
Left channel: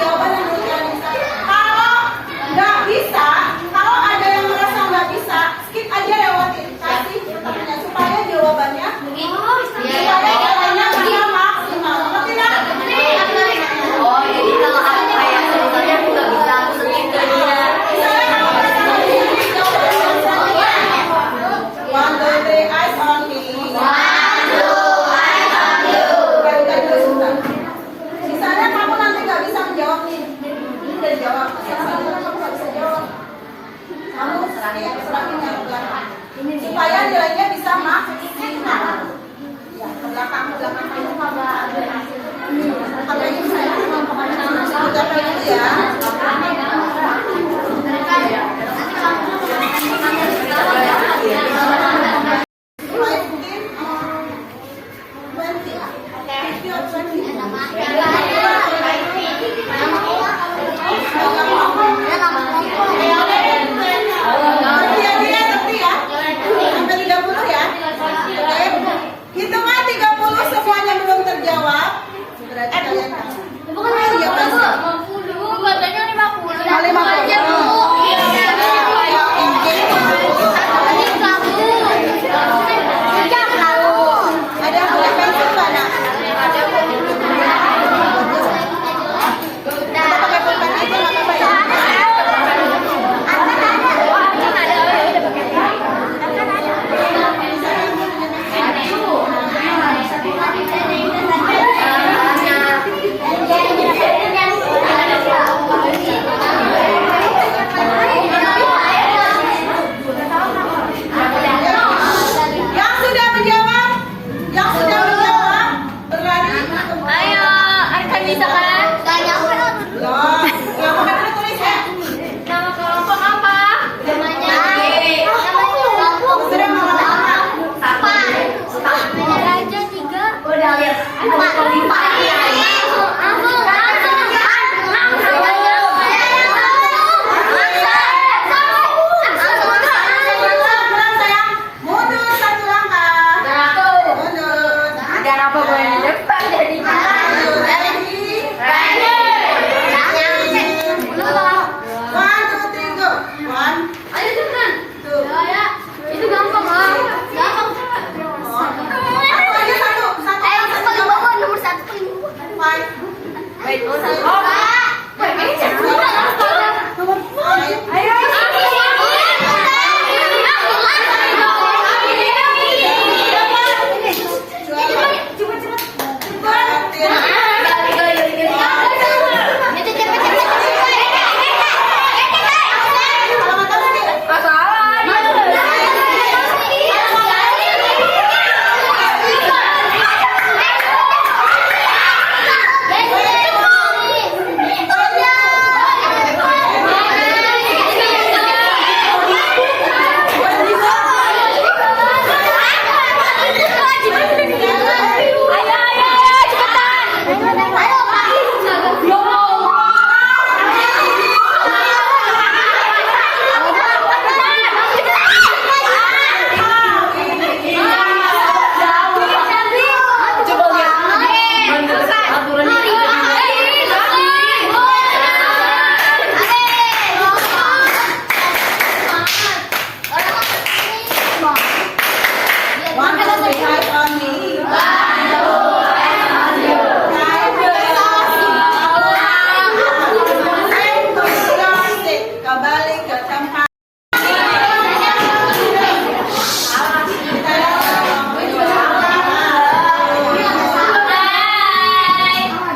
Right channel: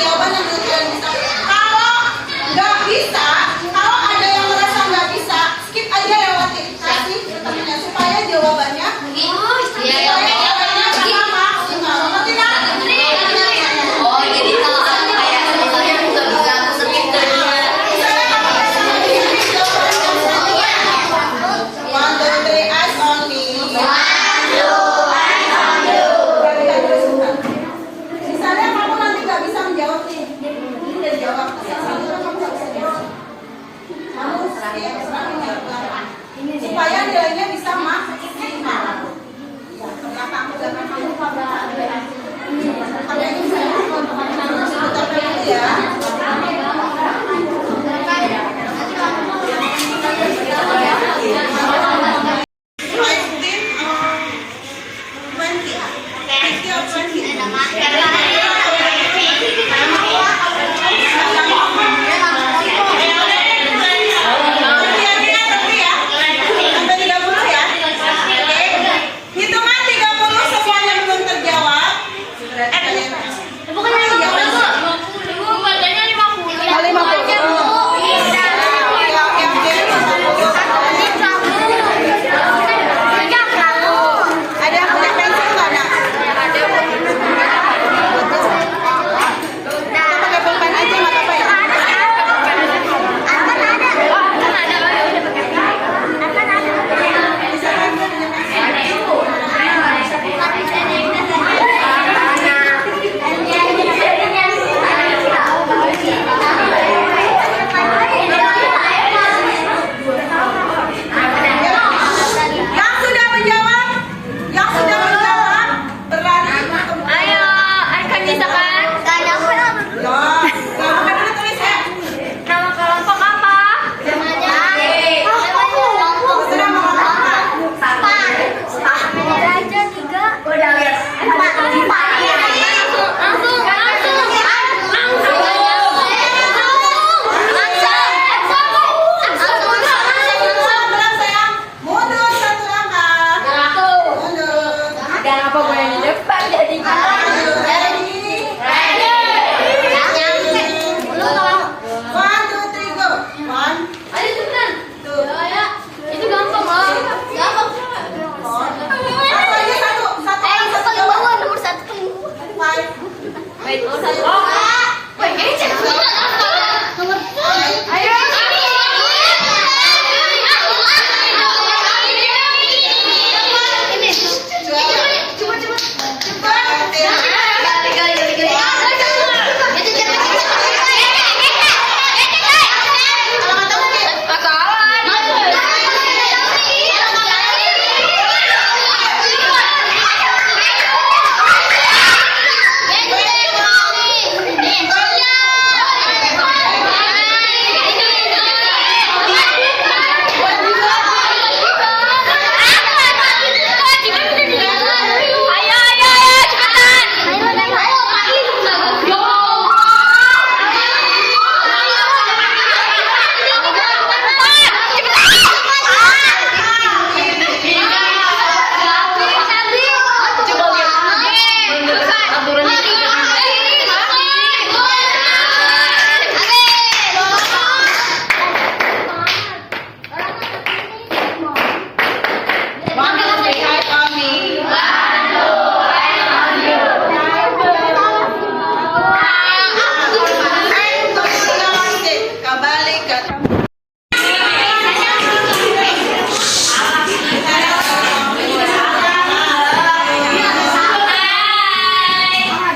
Kembali ke tempat.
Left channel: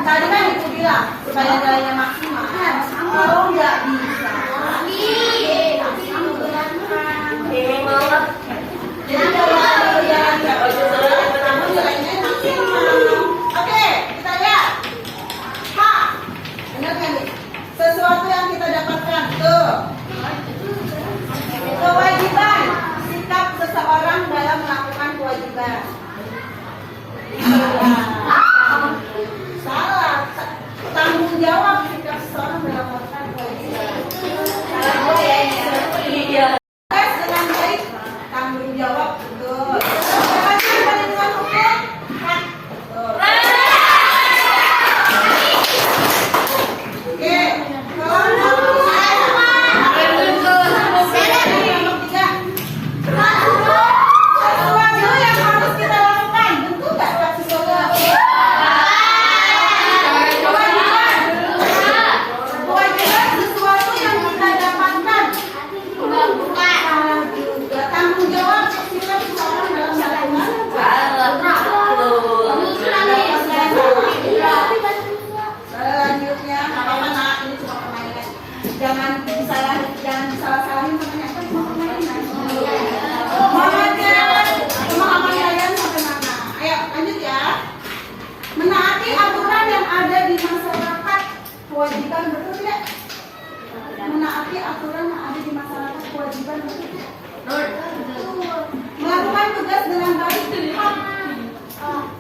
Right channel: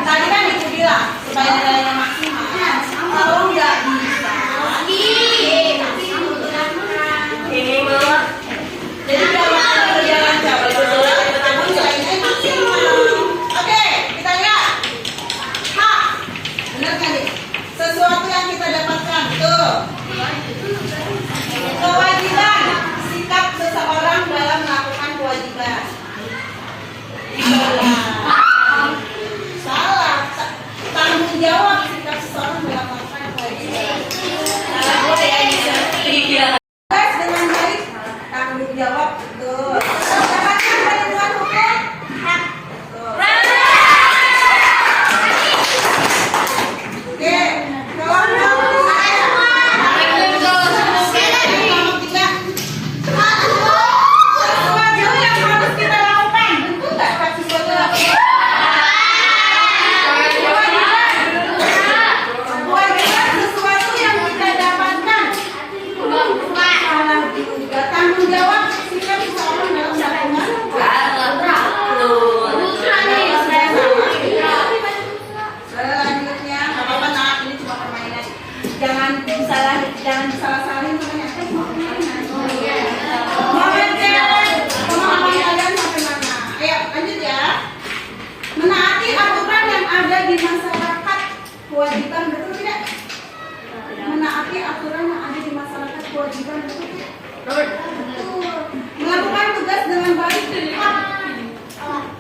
Tadi kan ibu bilang supaya nilainya maksimal. Kalau nggak bisa, jadi kalau ada berjalan jauh, kamu nilainya maksimal. Oke, kita lihat. Benar kan nih? Sesuatu yang kita dapatkan tuh. Kewajiban, sikap seseorang dalam melakukan kewajiban. Salah. Tanggung jawab sikap seseorang dalam melakukan kewajiban. Salah gue ya. Tes dengan baik, tanggung jawab betul. Dapatkan ketentuan hukum, hak. Oke. Sesuatu yang harus kita lakukan, betul nggak? Sesuatu kewajiban sesuatu yang kita dapatkan. Salah juga. Tanggung jawab sikap seseorang dalam melakukan. Selanjutnya, nggak apa-apa nak, ini cuma permainan. Jangan disalah-salahin ternyata cuma permainan. Kalian sampai mana? Ayo lanjut ya. Menaati aturan yang ada di masyarakat kewajiban, betul tidak? Menaati aturan yang ada di masyarakat kewajiban, betul tidak? Betul. Melakukan tugas dengan baik, hak.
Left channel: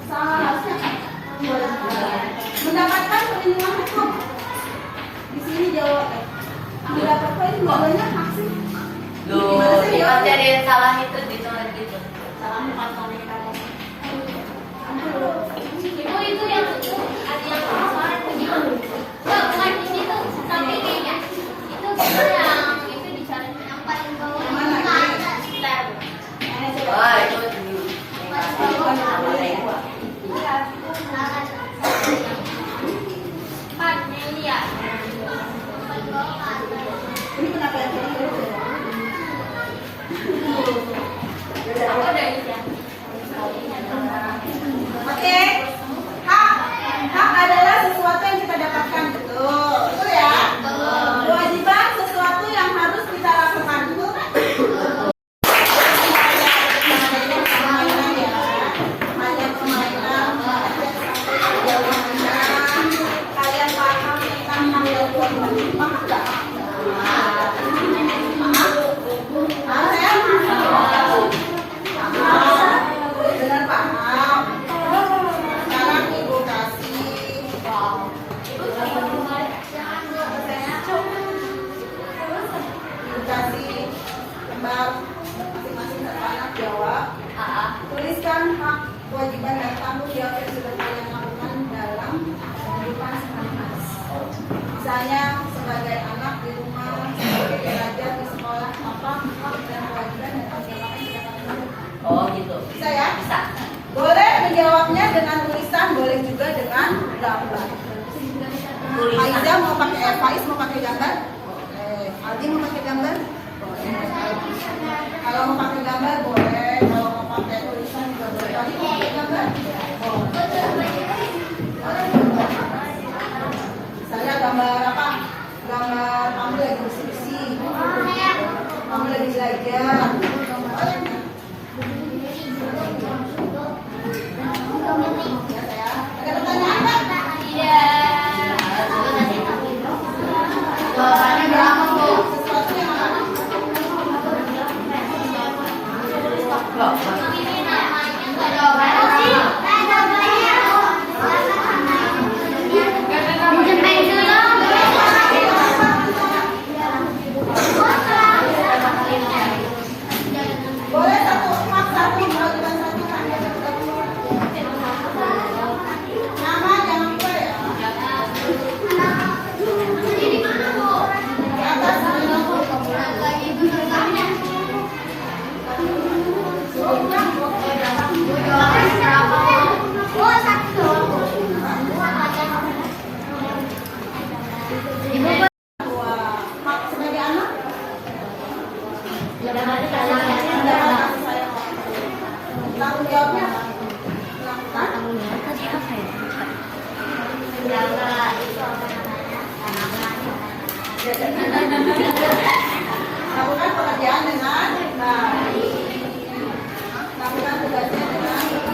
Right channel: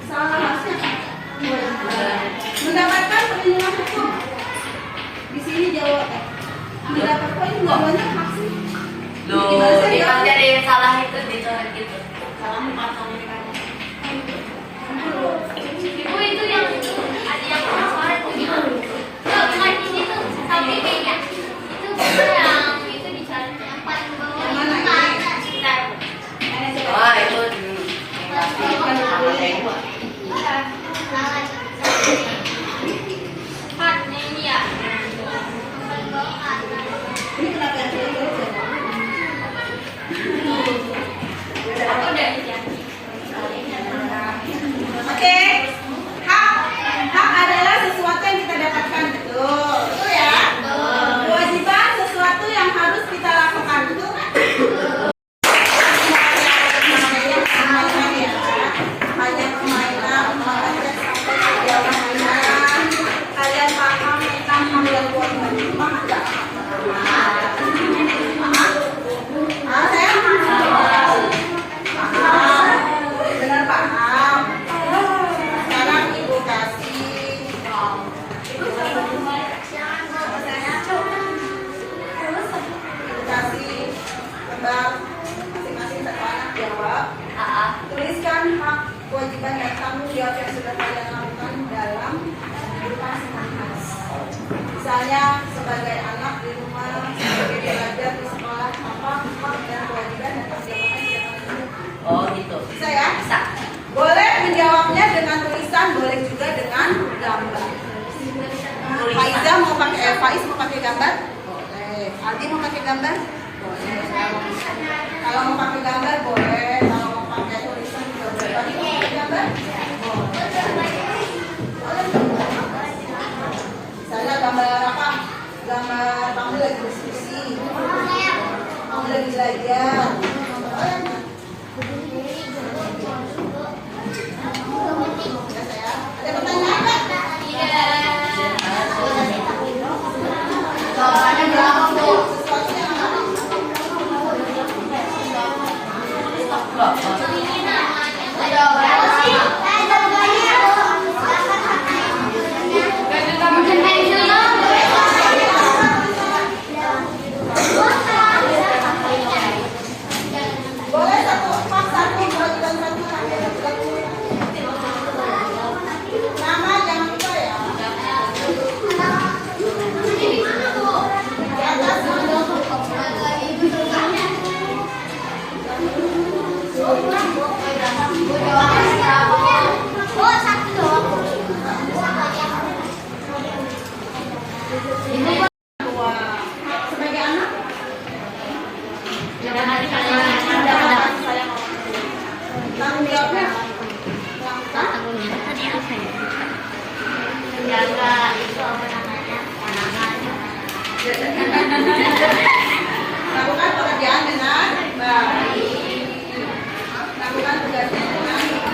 Salah. Mendapatkan perlindungan hukum. Di sini jawab. Mendapatkan ini nggak banyak hak sih. Gimana sih, Dia jawab? jadi salah itu dicoret gitu. Salah mengkantong kata. Ibu itu yang ada yang coret punya. Ya, bukan di situ sampai kayaknya. Itu yang itu dicari yang paling bawah. Yang mana ini? Sekitar. Mana coba? Oh, itu di Bukan boleh. salah. Partnya ini ya. Paling bawah atas. Ini kenapa yang sulit? Aku udah ya. Oke. Hak. Hak adalah sesuatu yang kita dapatkan, betul. Betul ya? Kewajiban sesuatu yang harus kita lakukan, betul kan? Permainan ya. Hanya permainan, makanya sampai sejauh mana kalian paham tentang hak dan kewajiban. Paham nggak? Saya benar paham. Sekarang ibu kasih tebak masing-masing satu anak jawab. Tuliskan hak kewajiban dan tanggung jawab yang sudah kalian lakukan dalam kehidupan sehari-hari. Misalnya sebagai anak gambar? Boleh. Kalau mau pakai gambar boleh, kalau mau pakai tulisan juga boleh. Kalau mau pakai gambar? Misalnya gambar apa? Gambar kamu lagi diskusi, kamu lagi belajar. Ya saya. Ada pertanyaan nggak? Sesuatu yang boleh satu bulan satu. Nama jangan lupa ya. Di atas sebagai anak. Tanggung jawabnya lakukan pekerjaan dengan baik, lakukan tugasnya dengan baik.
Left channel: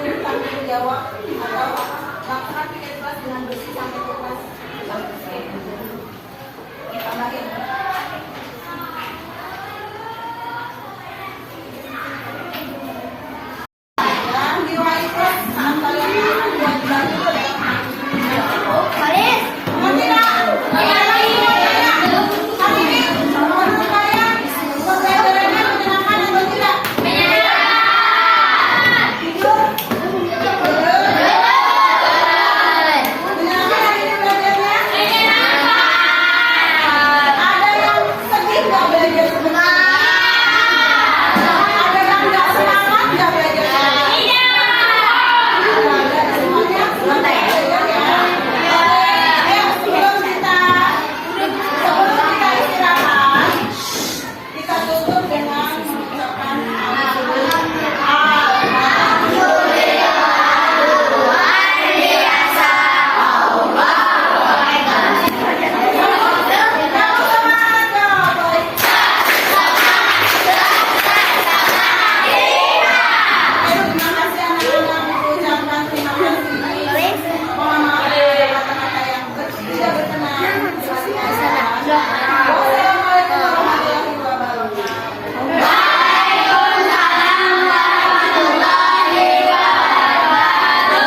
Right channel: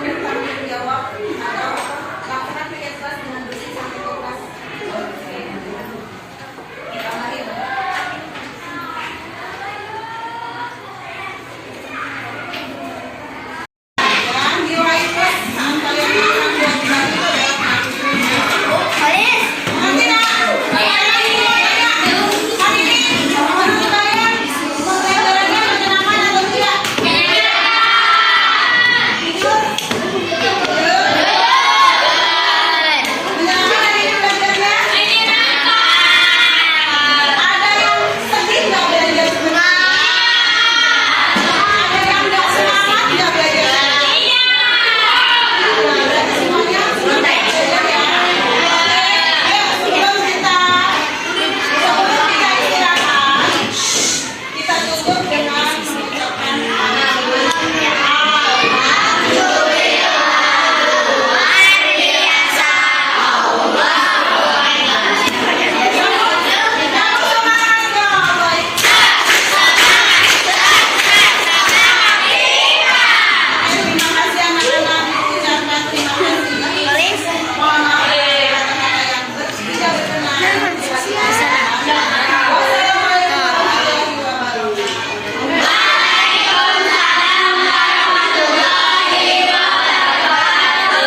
Dan tanggung jawab atau lakukan tiket kelas dengan bersih sampai ke kelas. Tambahin. Yang nilai plus saat kalian akan buat baju itu adalah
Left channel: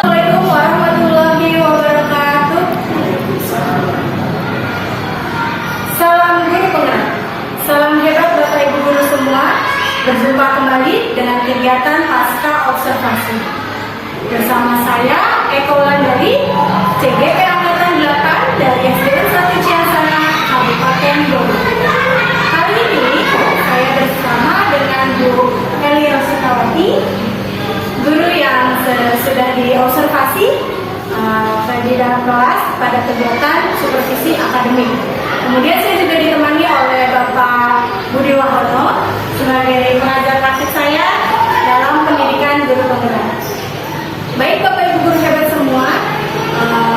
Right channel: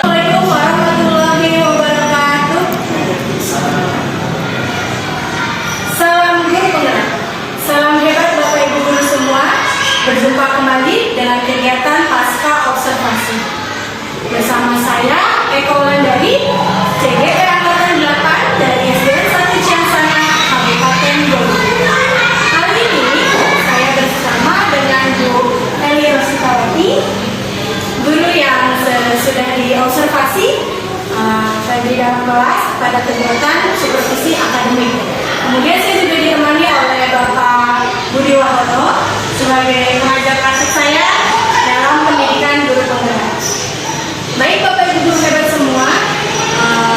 Assalamualaikum warahmatullahi wabarakatuh. Salam guru penggerak. Salam hebat Bapak Ibu guru semua. Berjumpa kembali dengan kegiatan pasca observasi. Bersama saya Eko Wulandari, CGR Angkatan 8 dari SDN 1 Ciansana, Kabupaten Bogor. Kali ini saya bersama dengan Bu Eli Rositawati, guru yang sudah diobservasi di dalam kelas pada kegiatan supervisi akademik. Kemudian saya juga ditemani oleh Bapak Budi Wahono sebagai pengajar praktik saya dalam pendidikan guru penggerak. Baik Bapak Ibu guru hebat semua,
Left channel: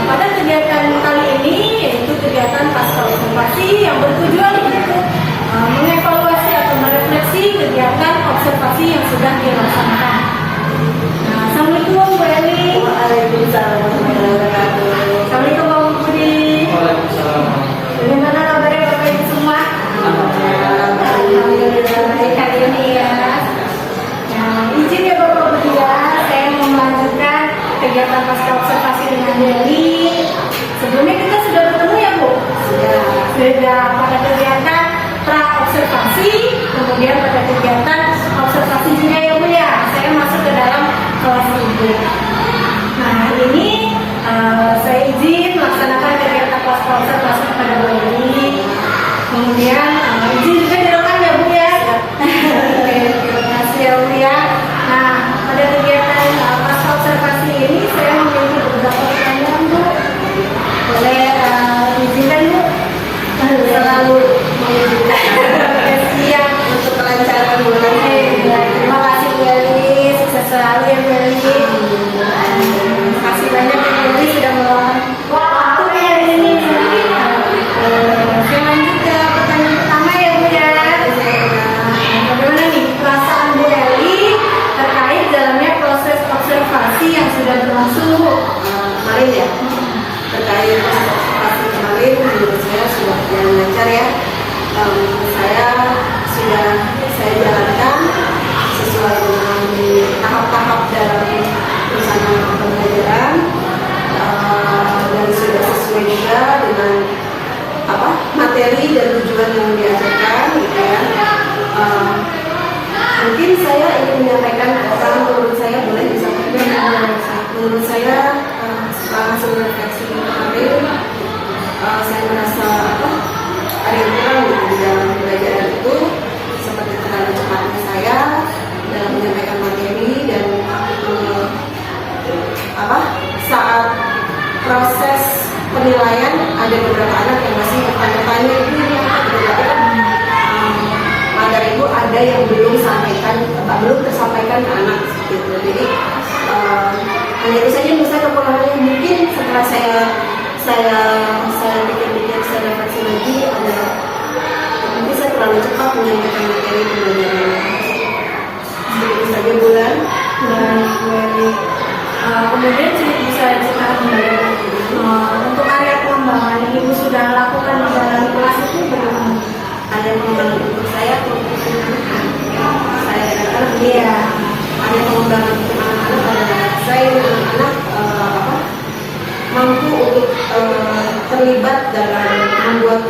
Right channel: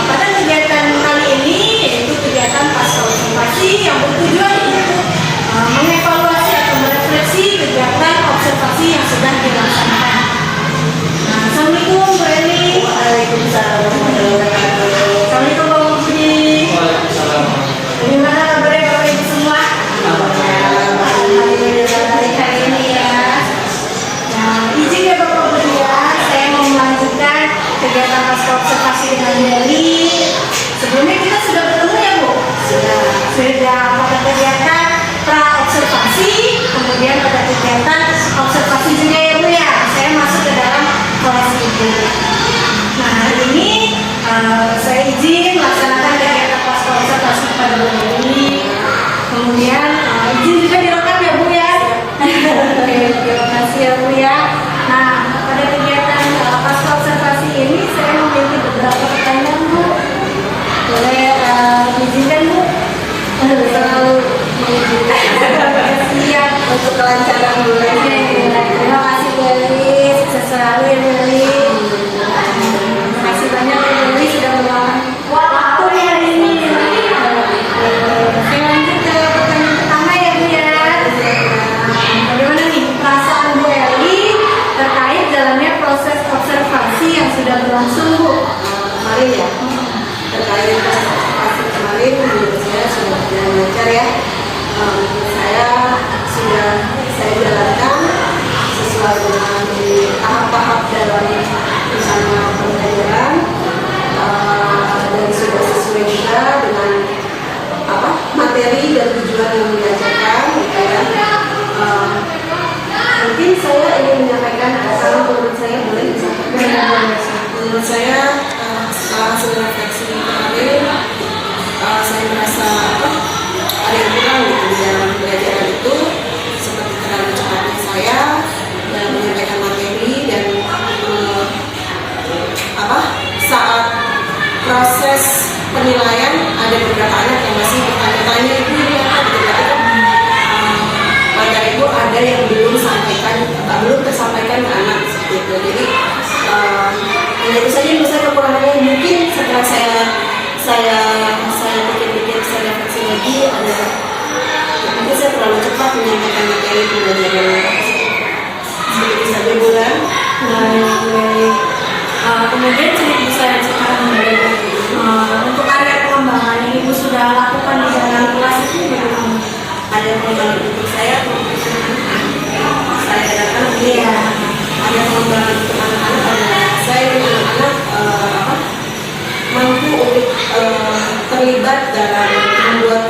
pada kegiatan kali ini yaitu kegiatan pasca observasi yang bertujuan untuk mengevaluasi atau merefleksi kegiatan observasi yang sudah dilaksanakan. Assalamualaikum Bu Eli. Waalaikumsalam warahmatullahi wabarakatuh. Assalamualaikum Bapak Budi. Waalaikumsalam. Bagaimana kabarnya Bapak Ibu semua? Alhamdulillah hari ini ya. Nah, izin ya Bapak Budi ya, saya mau melanjutkan kegiatan pasca observasi dengan Bu Eli. Sebelumnya kita sudah bertemu ya Bu? Sudah pada kegiatan pra observasi, kemudian pada selalu ya Bu Eli. Terima kasih banyak ya Bu Eli sudah meluangkan waktu di hari ini. Oke, lanjut ke pertanyaan pertama ya Bu ya. Bagaimana nih perasaan Bu Eli terkait jalannya proses observasi yang sudah berlangsung Bu? Kemarin ya, terkait proses observasi kemarin menurut saya sudah berjalan lancar ya. Saya jalankan sesuai dengan tahap-tahap dalam rencana pembelajaran, dan sudah sesuai juga dengan materi dan tujuan yang diajarkan gitu ya. Mungkin saya ingin menyampaikan karena menurut saya boleh disampaikan. Menurut saya setelah hasil refleksi kemarin, saya merasa ada yang kurang gitu di dalam pembelajaran itu, seperti terlalu cepatnya saya dalam menyampaikan materi dan saat proses penilaian ada beberapa anak yang masih bertanya-tanya ini apa gitu, berarti kan materi itu ada yang belum tersampaikan ke anak seperti itu. Jadi hanya itu saja menurut saya kekurangannya. Mungkin setelah saya pikir-pikir, saya refleksi lagi, mungkin saya terlalu cepat menyampaikan materi pembelajaran. Seperti itu saja Bulan. Kemudian bisa ceritakan kembali untuk area pengembangan yang Ibu sudah lakukan di dalam kelas itu bagaimana? Ada pengembangan untuk saya anak-anak Iya. ada pengembangan untuk anak-anak adalah saya ingin anak-anak mampu untuk terlibat dalam membuat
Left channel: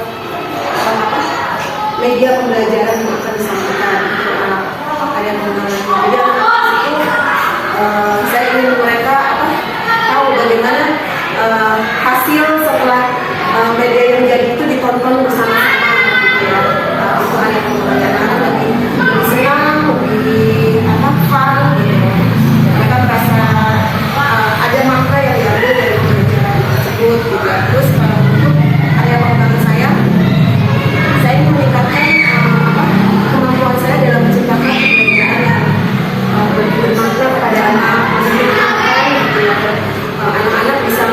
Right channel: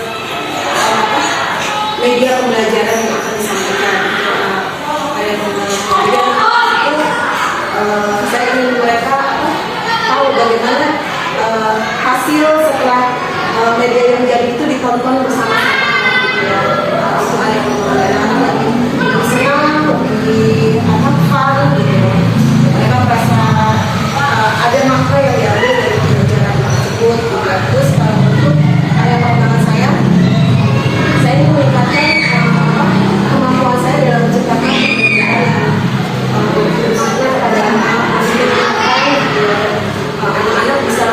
media pembelajaran yang akan disampaikan area pengembangan. Jadi anak-anak itu saya ingin mereka tahu bagaimana hasil setelah media yang jadi itu ditonton bersama-sama gitu ya. Untuk area pengembangan anak-anak lebih senang, lebih fun gitu. Mereka merasa ada makna yang diambil dari pembelajaran tersebut juga. Terus kalau untuk area pengembangan saya ingin meningkatkan kemampuan saya dalam menciptakan pembelajaran yang bermakna kepada anak, menyenangkan gitu ya. Anak-anak bisa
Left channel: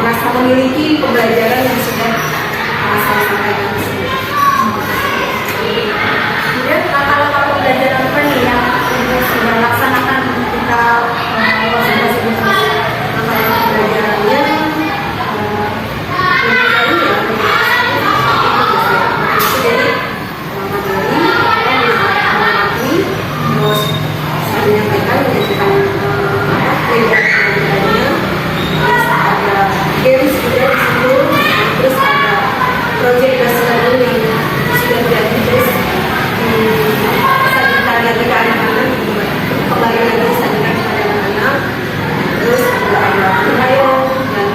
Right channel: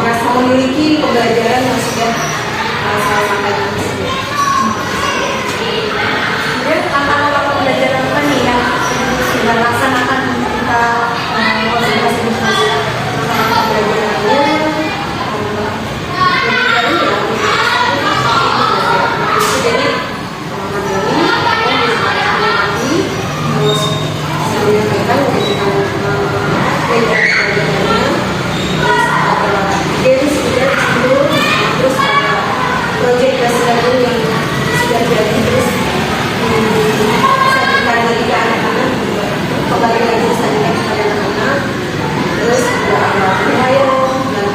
merasa memiliki pembelajaran yang sudah saya sampaikan. Kemudian langkah-langkah pembelajaran apa nih yang Ibu sudah laksanakan untuk kita konsentrasi di kelas? Langkah-langkah pembelajarannya jadi materi, mengamati, terus saya menyampaikan menjadikan media pembelajarannya, terus ada games juga di situ, terus ada project dasar yang sudah jadi, terus disajikan lagi ke anak-anak, kembali lagi disajikan kepada anak-anak, terus juga ada penilaian dan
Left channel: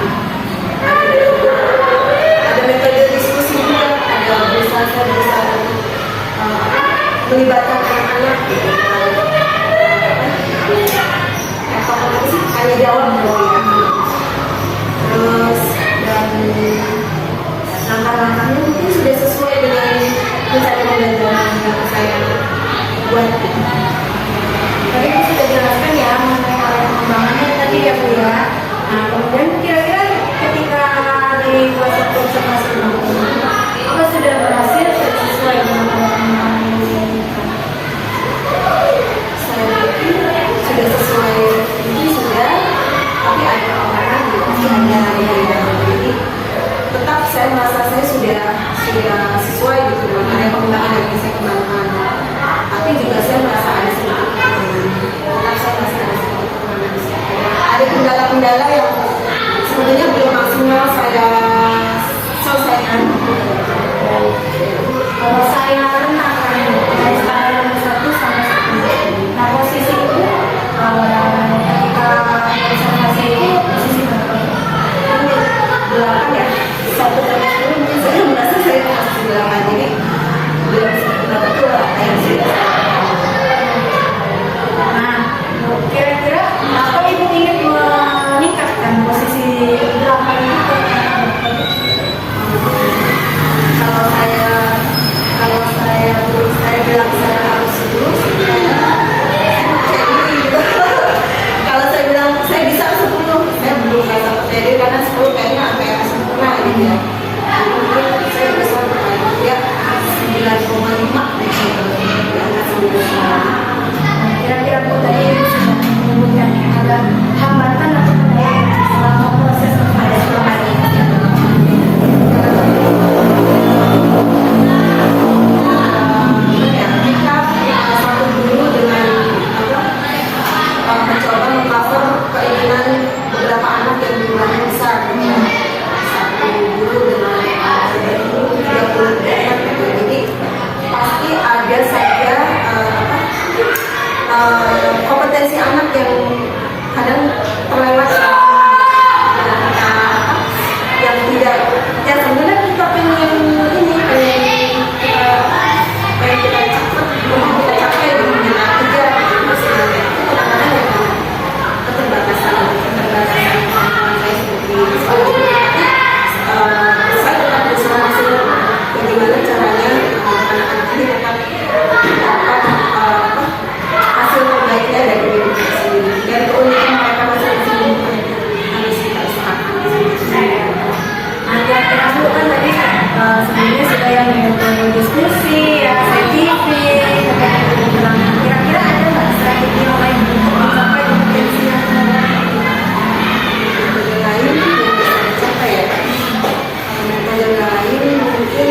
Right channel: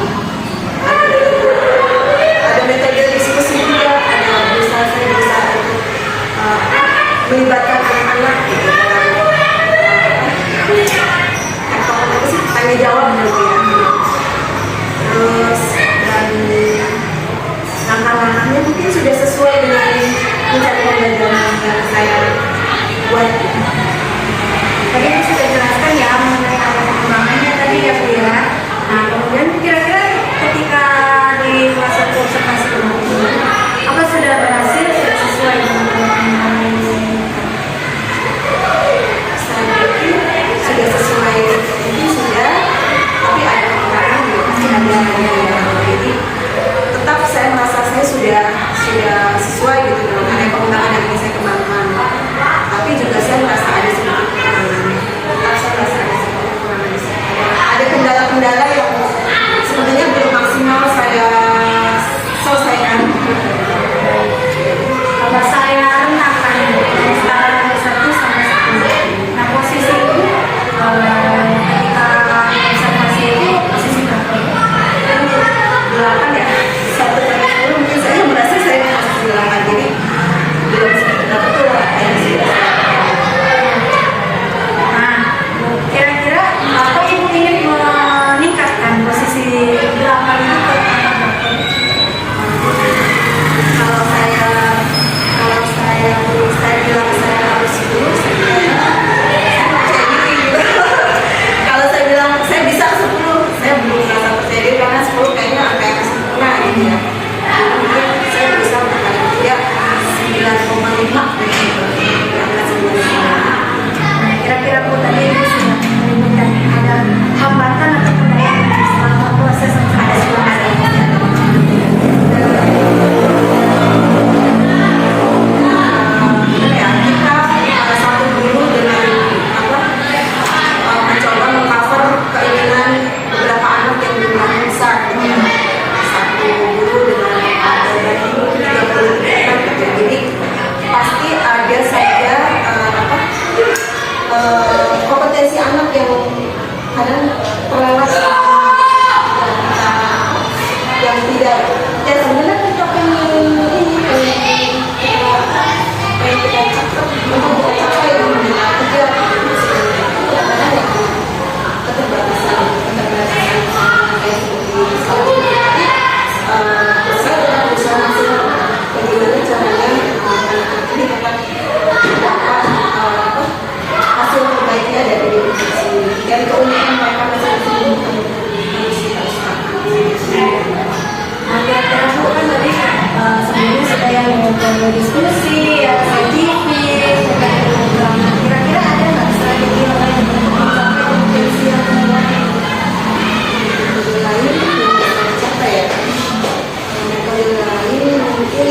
ada metode diskusi juga, ada saya berusaha untuk melibatkan anak-anak gitu tanya jawab gitu ya. Terus dan langkah-langkahnya mungkin sudah sesuai dengan konsep pembelajaran yang saya buat gitu. Tadi Ibu sudah jelaskan ya mengenai area pengembangannya tadi ya Bu ya. Nah, kemudian kira-kira ketika di kelas observasi kemarin, apa sudah berhasil, sudah sesuai dengan area pengembangan yang diinginkan? Saya pikir sudah sesuai, mungkin sudah, tapi ada kekurangan juga pasti ada yang jadi tetap saya merasa saya sudah sesuai gitu dengan area pengembangan yang ingin saya kembangkan, tapi juga saya merasa ada sedikit kekurangan. Tetap saya merasa ada sedikit kekurangan di sini. Ada kendala-kendala yang sebenarnya belum maksimal saya selesaikan. Kalau saya rentangkan dari skala nomor 1 sampai 10. Nah, posisi Ibu ketika observasi itu posisi berapa? 8 ya, 1 sampai 10 mungkin saya merasa saya posisi 8, jadi belum berapa tuh yang sih. Nah, kira-kira apa Ibu ingin meningkatkan posisi 8 itu ke angka berapa? Kalau saya bilang saya harus 10, saya percaya diri gitu. ya. Jadi saya bisa untuk paling tidak 9,5 gitu di angka 9,5. Kira-kira Bu tadi Ibu sudah menyebutkan ada hambatan atau kendala selama proses ada ya kita satu dulu dengan mencoba mengcover keinginan beberapa anak yang jumlahnya besar gitu ya. Satu guru dengan berbagi 30 anak gitu. Jadi pasti ada saja kompetensi anak yang kadang terlewat yang tidak ya sebenarnya kita pengen ini pengen kita capai memang kita capai dengan kerja masih itu kadang-kadang ya keterbatasan kayak seperti saya tetap berusaha maksimal bagaimana caranya anak-anak ini tetap dapat hasil terbaiknya dari diri sendiri dan keunikan mereka masing-masing harus kita usahakan. Kira-kira Bu kan tadi sebelumnya sudah yang diskusi ya, saya TV, kira-kira ada nggak strategi yang lain untuk mencapai kompetensi yang Metode lain yang bisa dicapai ya. Metode lain mungkin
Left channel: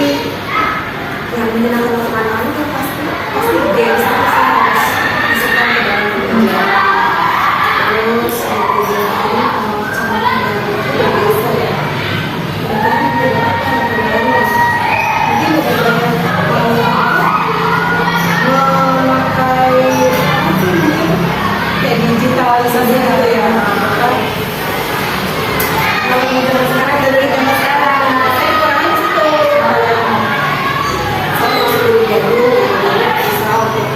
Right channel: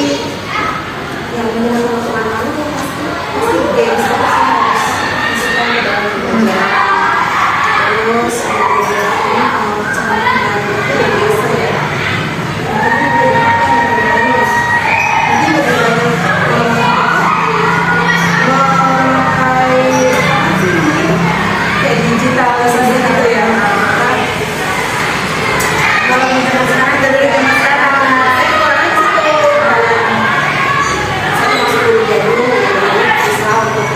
yang menyenangkan untuk anak-anak itu pasti games terus harus masukkan ke dalam pelajaran. Terus metode lain cara kendali itu yang biasa ya. Mungkin lebih banyak memakai kayak digitalisasi gitu ya. Kalau misalnya sekarang dari zaman sekarang, saya kurang itu kayak satu masuk kuliah dulu, bisa untuk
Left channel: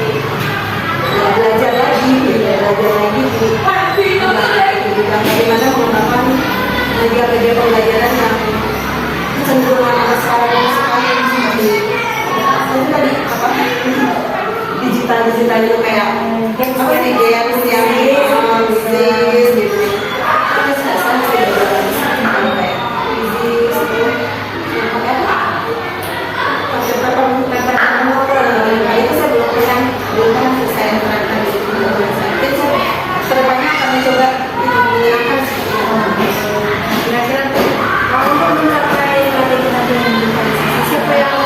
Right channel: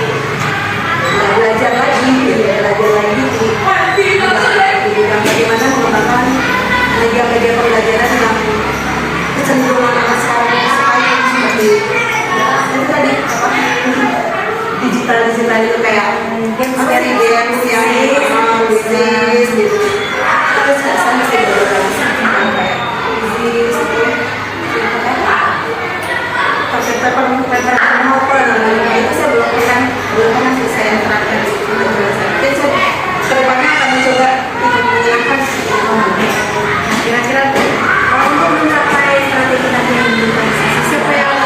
belajar lagi di bidang bagaimana mengembangkan media pembelajaran yang kecenderungan anak sekarang itu sekali seperti itu tadi digital itu kayak apa sih games yang bisnis gitu. Terus saya masih belajar lagi kayak bisnis itu paper itu saya belum pernah sih saya terapkan di pembelajaran saya. Mungkin saya kedepannya akan mencoba itu menyenangkan. kira-kira untuk mencapai strategi tadi yang digitalisasi siapa yang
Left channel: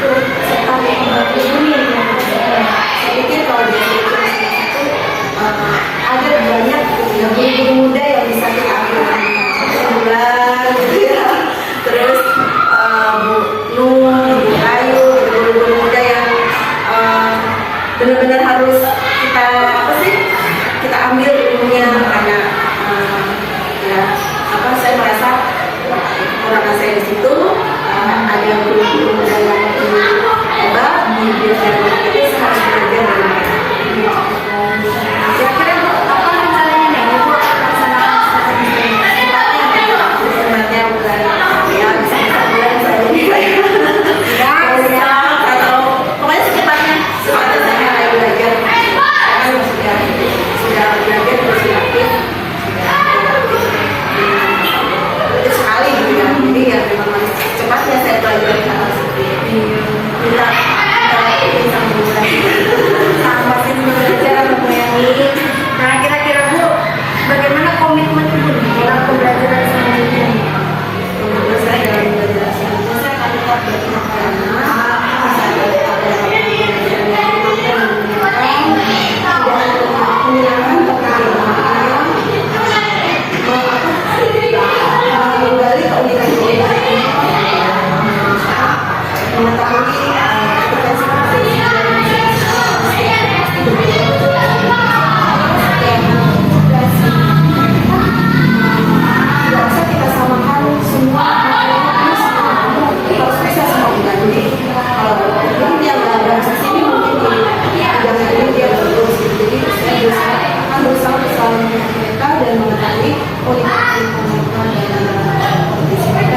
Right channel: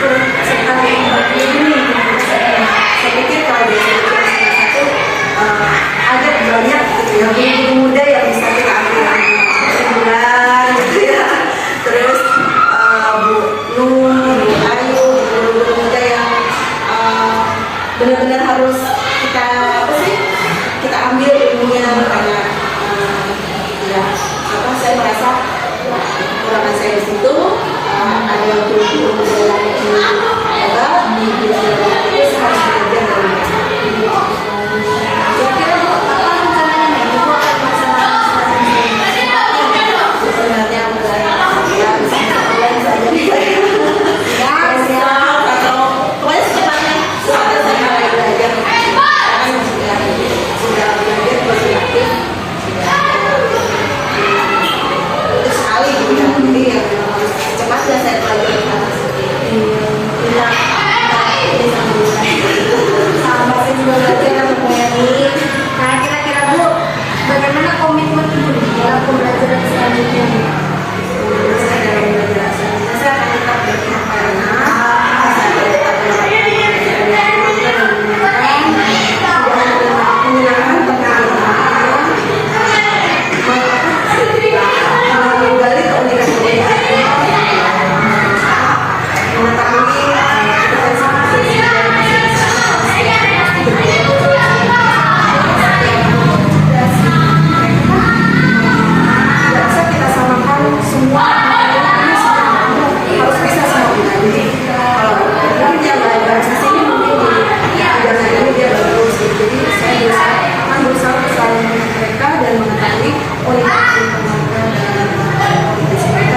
turut serta membantu ini? Saya pikir kalau di Indonesia itu ada banyak gitu ya guru-guru muda yang bisa kita ambil bulan gitu ya. Terus Bu Nur, Bu Ayu, gitu, guru-guru muda yang benar-benar harus kita kita ambil ilmunya kayak ya saya merasa kekurangan saya di situ ada guru-guru muda yang hebat di bidang itu saya harus belajar dari mereka. Kira-kira apa rencananya nih? Ibu akan melaksanakan strategi Sebenarnya bulan ya bisa bulan saja ya atau pokoknya secepatnya saya mulai belajar karena sudah belajar sudah aktif itu sekali gitu ya jadi ya memang cepatnya saya pelajari hal seperti ini kita sama sih belajar mempunyai. Nah kira-kira Bu, bagaimana komitmen Ibu dalam pembelajaran selanjutnya? menurut saya dalam belajar saya akan tetap berpihak pada anak saya akan tetap melakukan pembelajaran yang menyenangkan dan menyenangkan tapi menggali keunikan mengetahui potensi dari masing-masing pasti berbeda tidak bisa kita samakan semua ini harus bisa semua kita jadi mungkin dia belajar di sini mungkin di bidang ini dia bagus gitu. Jadi saya akan berusaha selalu mereka dan mengetahui unik mereka dan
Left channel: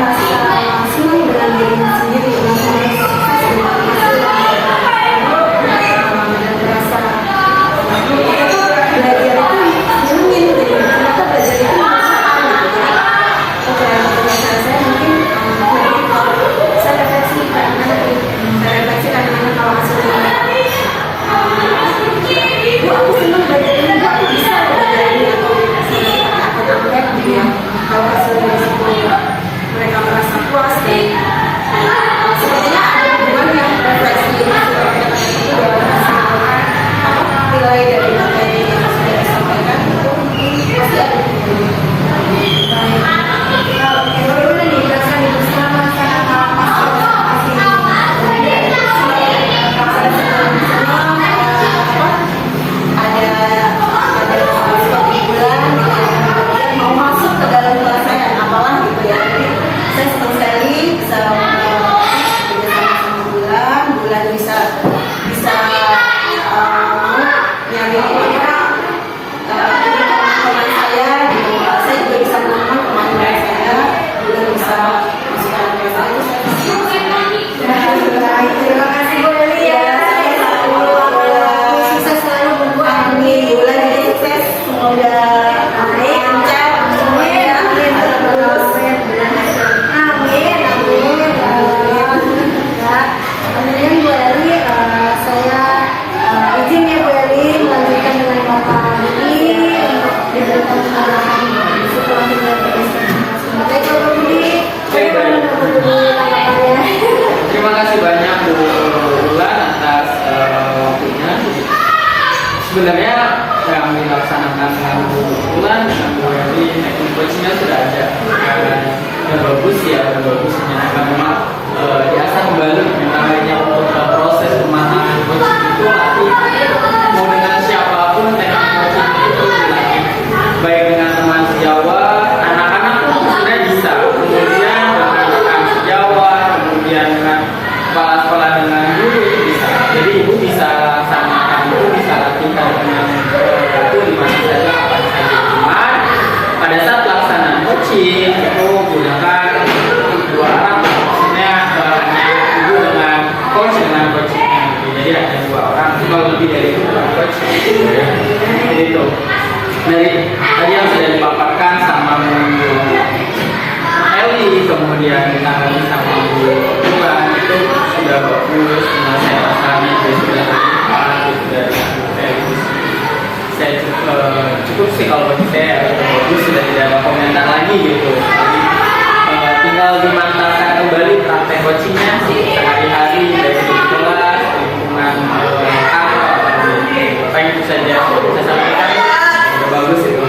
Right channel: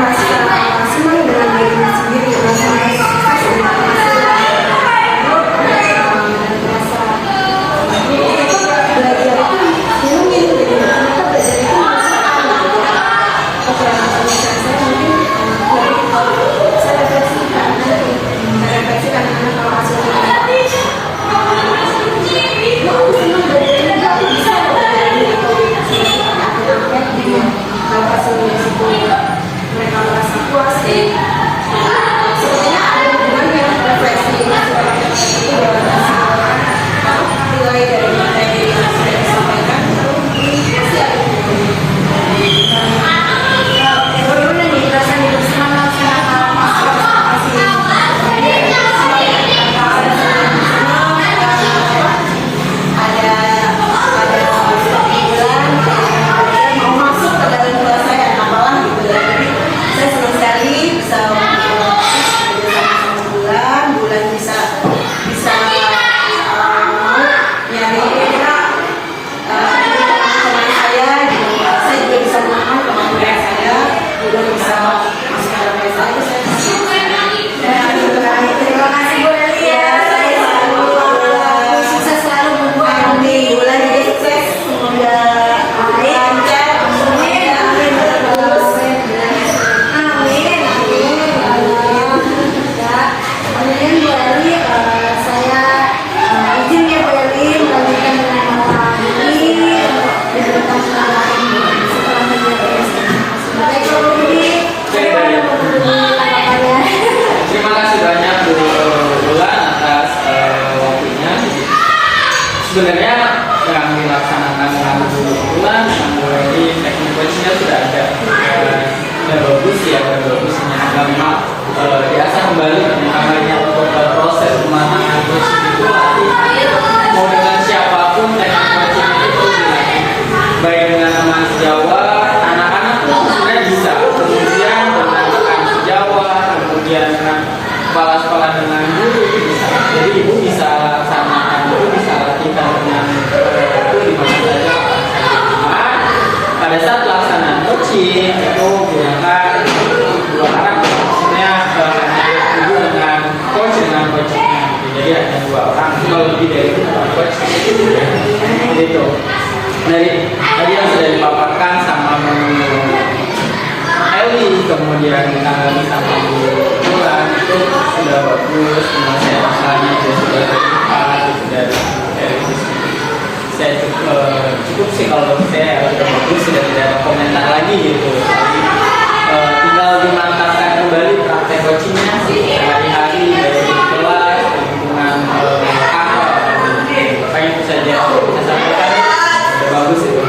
merasa senang dengan dirinya sendiri, merasa sukses dengan hasil dan merasa belajar itu nyenengin gitu. Ternyata belajar itu menyenangkan gitu. Kekurangan pemikiran saya mungkin saya refleksikan anak-anak kalau hasilnya Bu, aku senang belajar ini, Bu, aku bisa belajar ini, atau misalnya pakai angket-angket gitu ya. Kalau hasilnya situ mereka merasa puas dan sepertinya ada hubungan yang refleksi hasil angket-angket itu dengan nilai dari materi yang sudah disampaikan itu pasti ada hubungannya. Bagaimana nih perasaan ibu selama melaksanakan konservasi ini? mau masuk ke dalam penyelesaian apalah gitu ya. Jadi saya senang sekali bisa bekerja sama bulan bisa mau nyari teman saya gitu. Saya juga bisa menemukan kemampuan saya, bulan bisa masuk ke dalam penyelesaian itu saya Terima kasih Bu Eli ya. Sukses selalu buat Bu Eli. bulan jadi sukses, semoga lancar, semuanya terus. Amin. Kemudian Bu Eli, saya izin ya Bu Eli melanjutkan dengan Bapak Budi untuk diberikan kemudahan setelah menjadi Baik Bu Budi, bagaimana Bu Budi tanggapannya? Terima kasih banyak Bu Bulan atas waktunya. Sebenarnya yang dilaksanakan dengan Bu Bulan, Bu Eli, teknik coachingnya sudah ada dan bagus ya, dan bagusnya. Nah, memang biasa kembali memang banyak untuk proses pematangan coaching itu nanti mau dengan siapapun teknik coaching itu dilatih. Baik dengan teman sejawat, anak-anak pun sebenarnya bisa. Kemudian dengan rekan sejawat, kemudian dengan kepala sekolah dengan guru itu bisa. Jadi ibu bisa laksanakan, ibu bisa latihan dengan itu di mana saja, kapan saja. Cuman pada saat pelaksanaan coaching itu gunakan dua arah, maksudnya hanya ibu dengan coach dengan coachingnya. Jadi ada dua orang. Kalau lebih dari itu bukan coach. Jadi itu. Dari tadi yang sudah dipaparkan sama Bu Eli, kemudian ditanggapi sama Bu Bulan itu sudah bagus, saya masalahnya juga sudah terbuka gitu dari saya cukup sih kalau bagi saya sudah bagus, sudah tidak ada komentar lagi gitu. Tinggal dimantapkan kembali praktek coachingnya sehari-hari baik di kelas, di lingkungan kantor, apa itu saja saya sampaikan sudah bagus itu.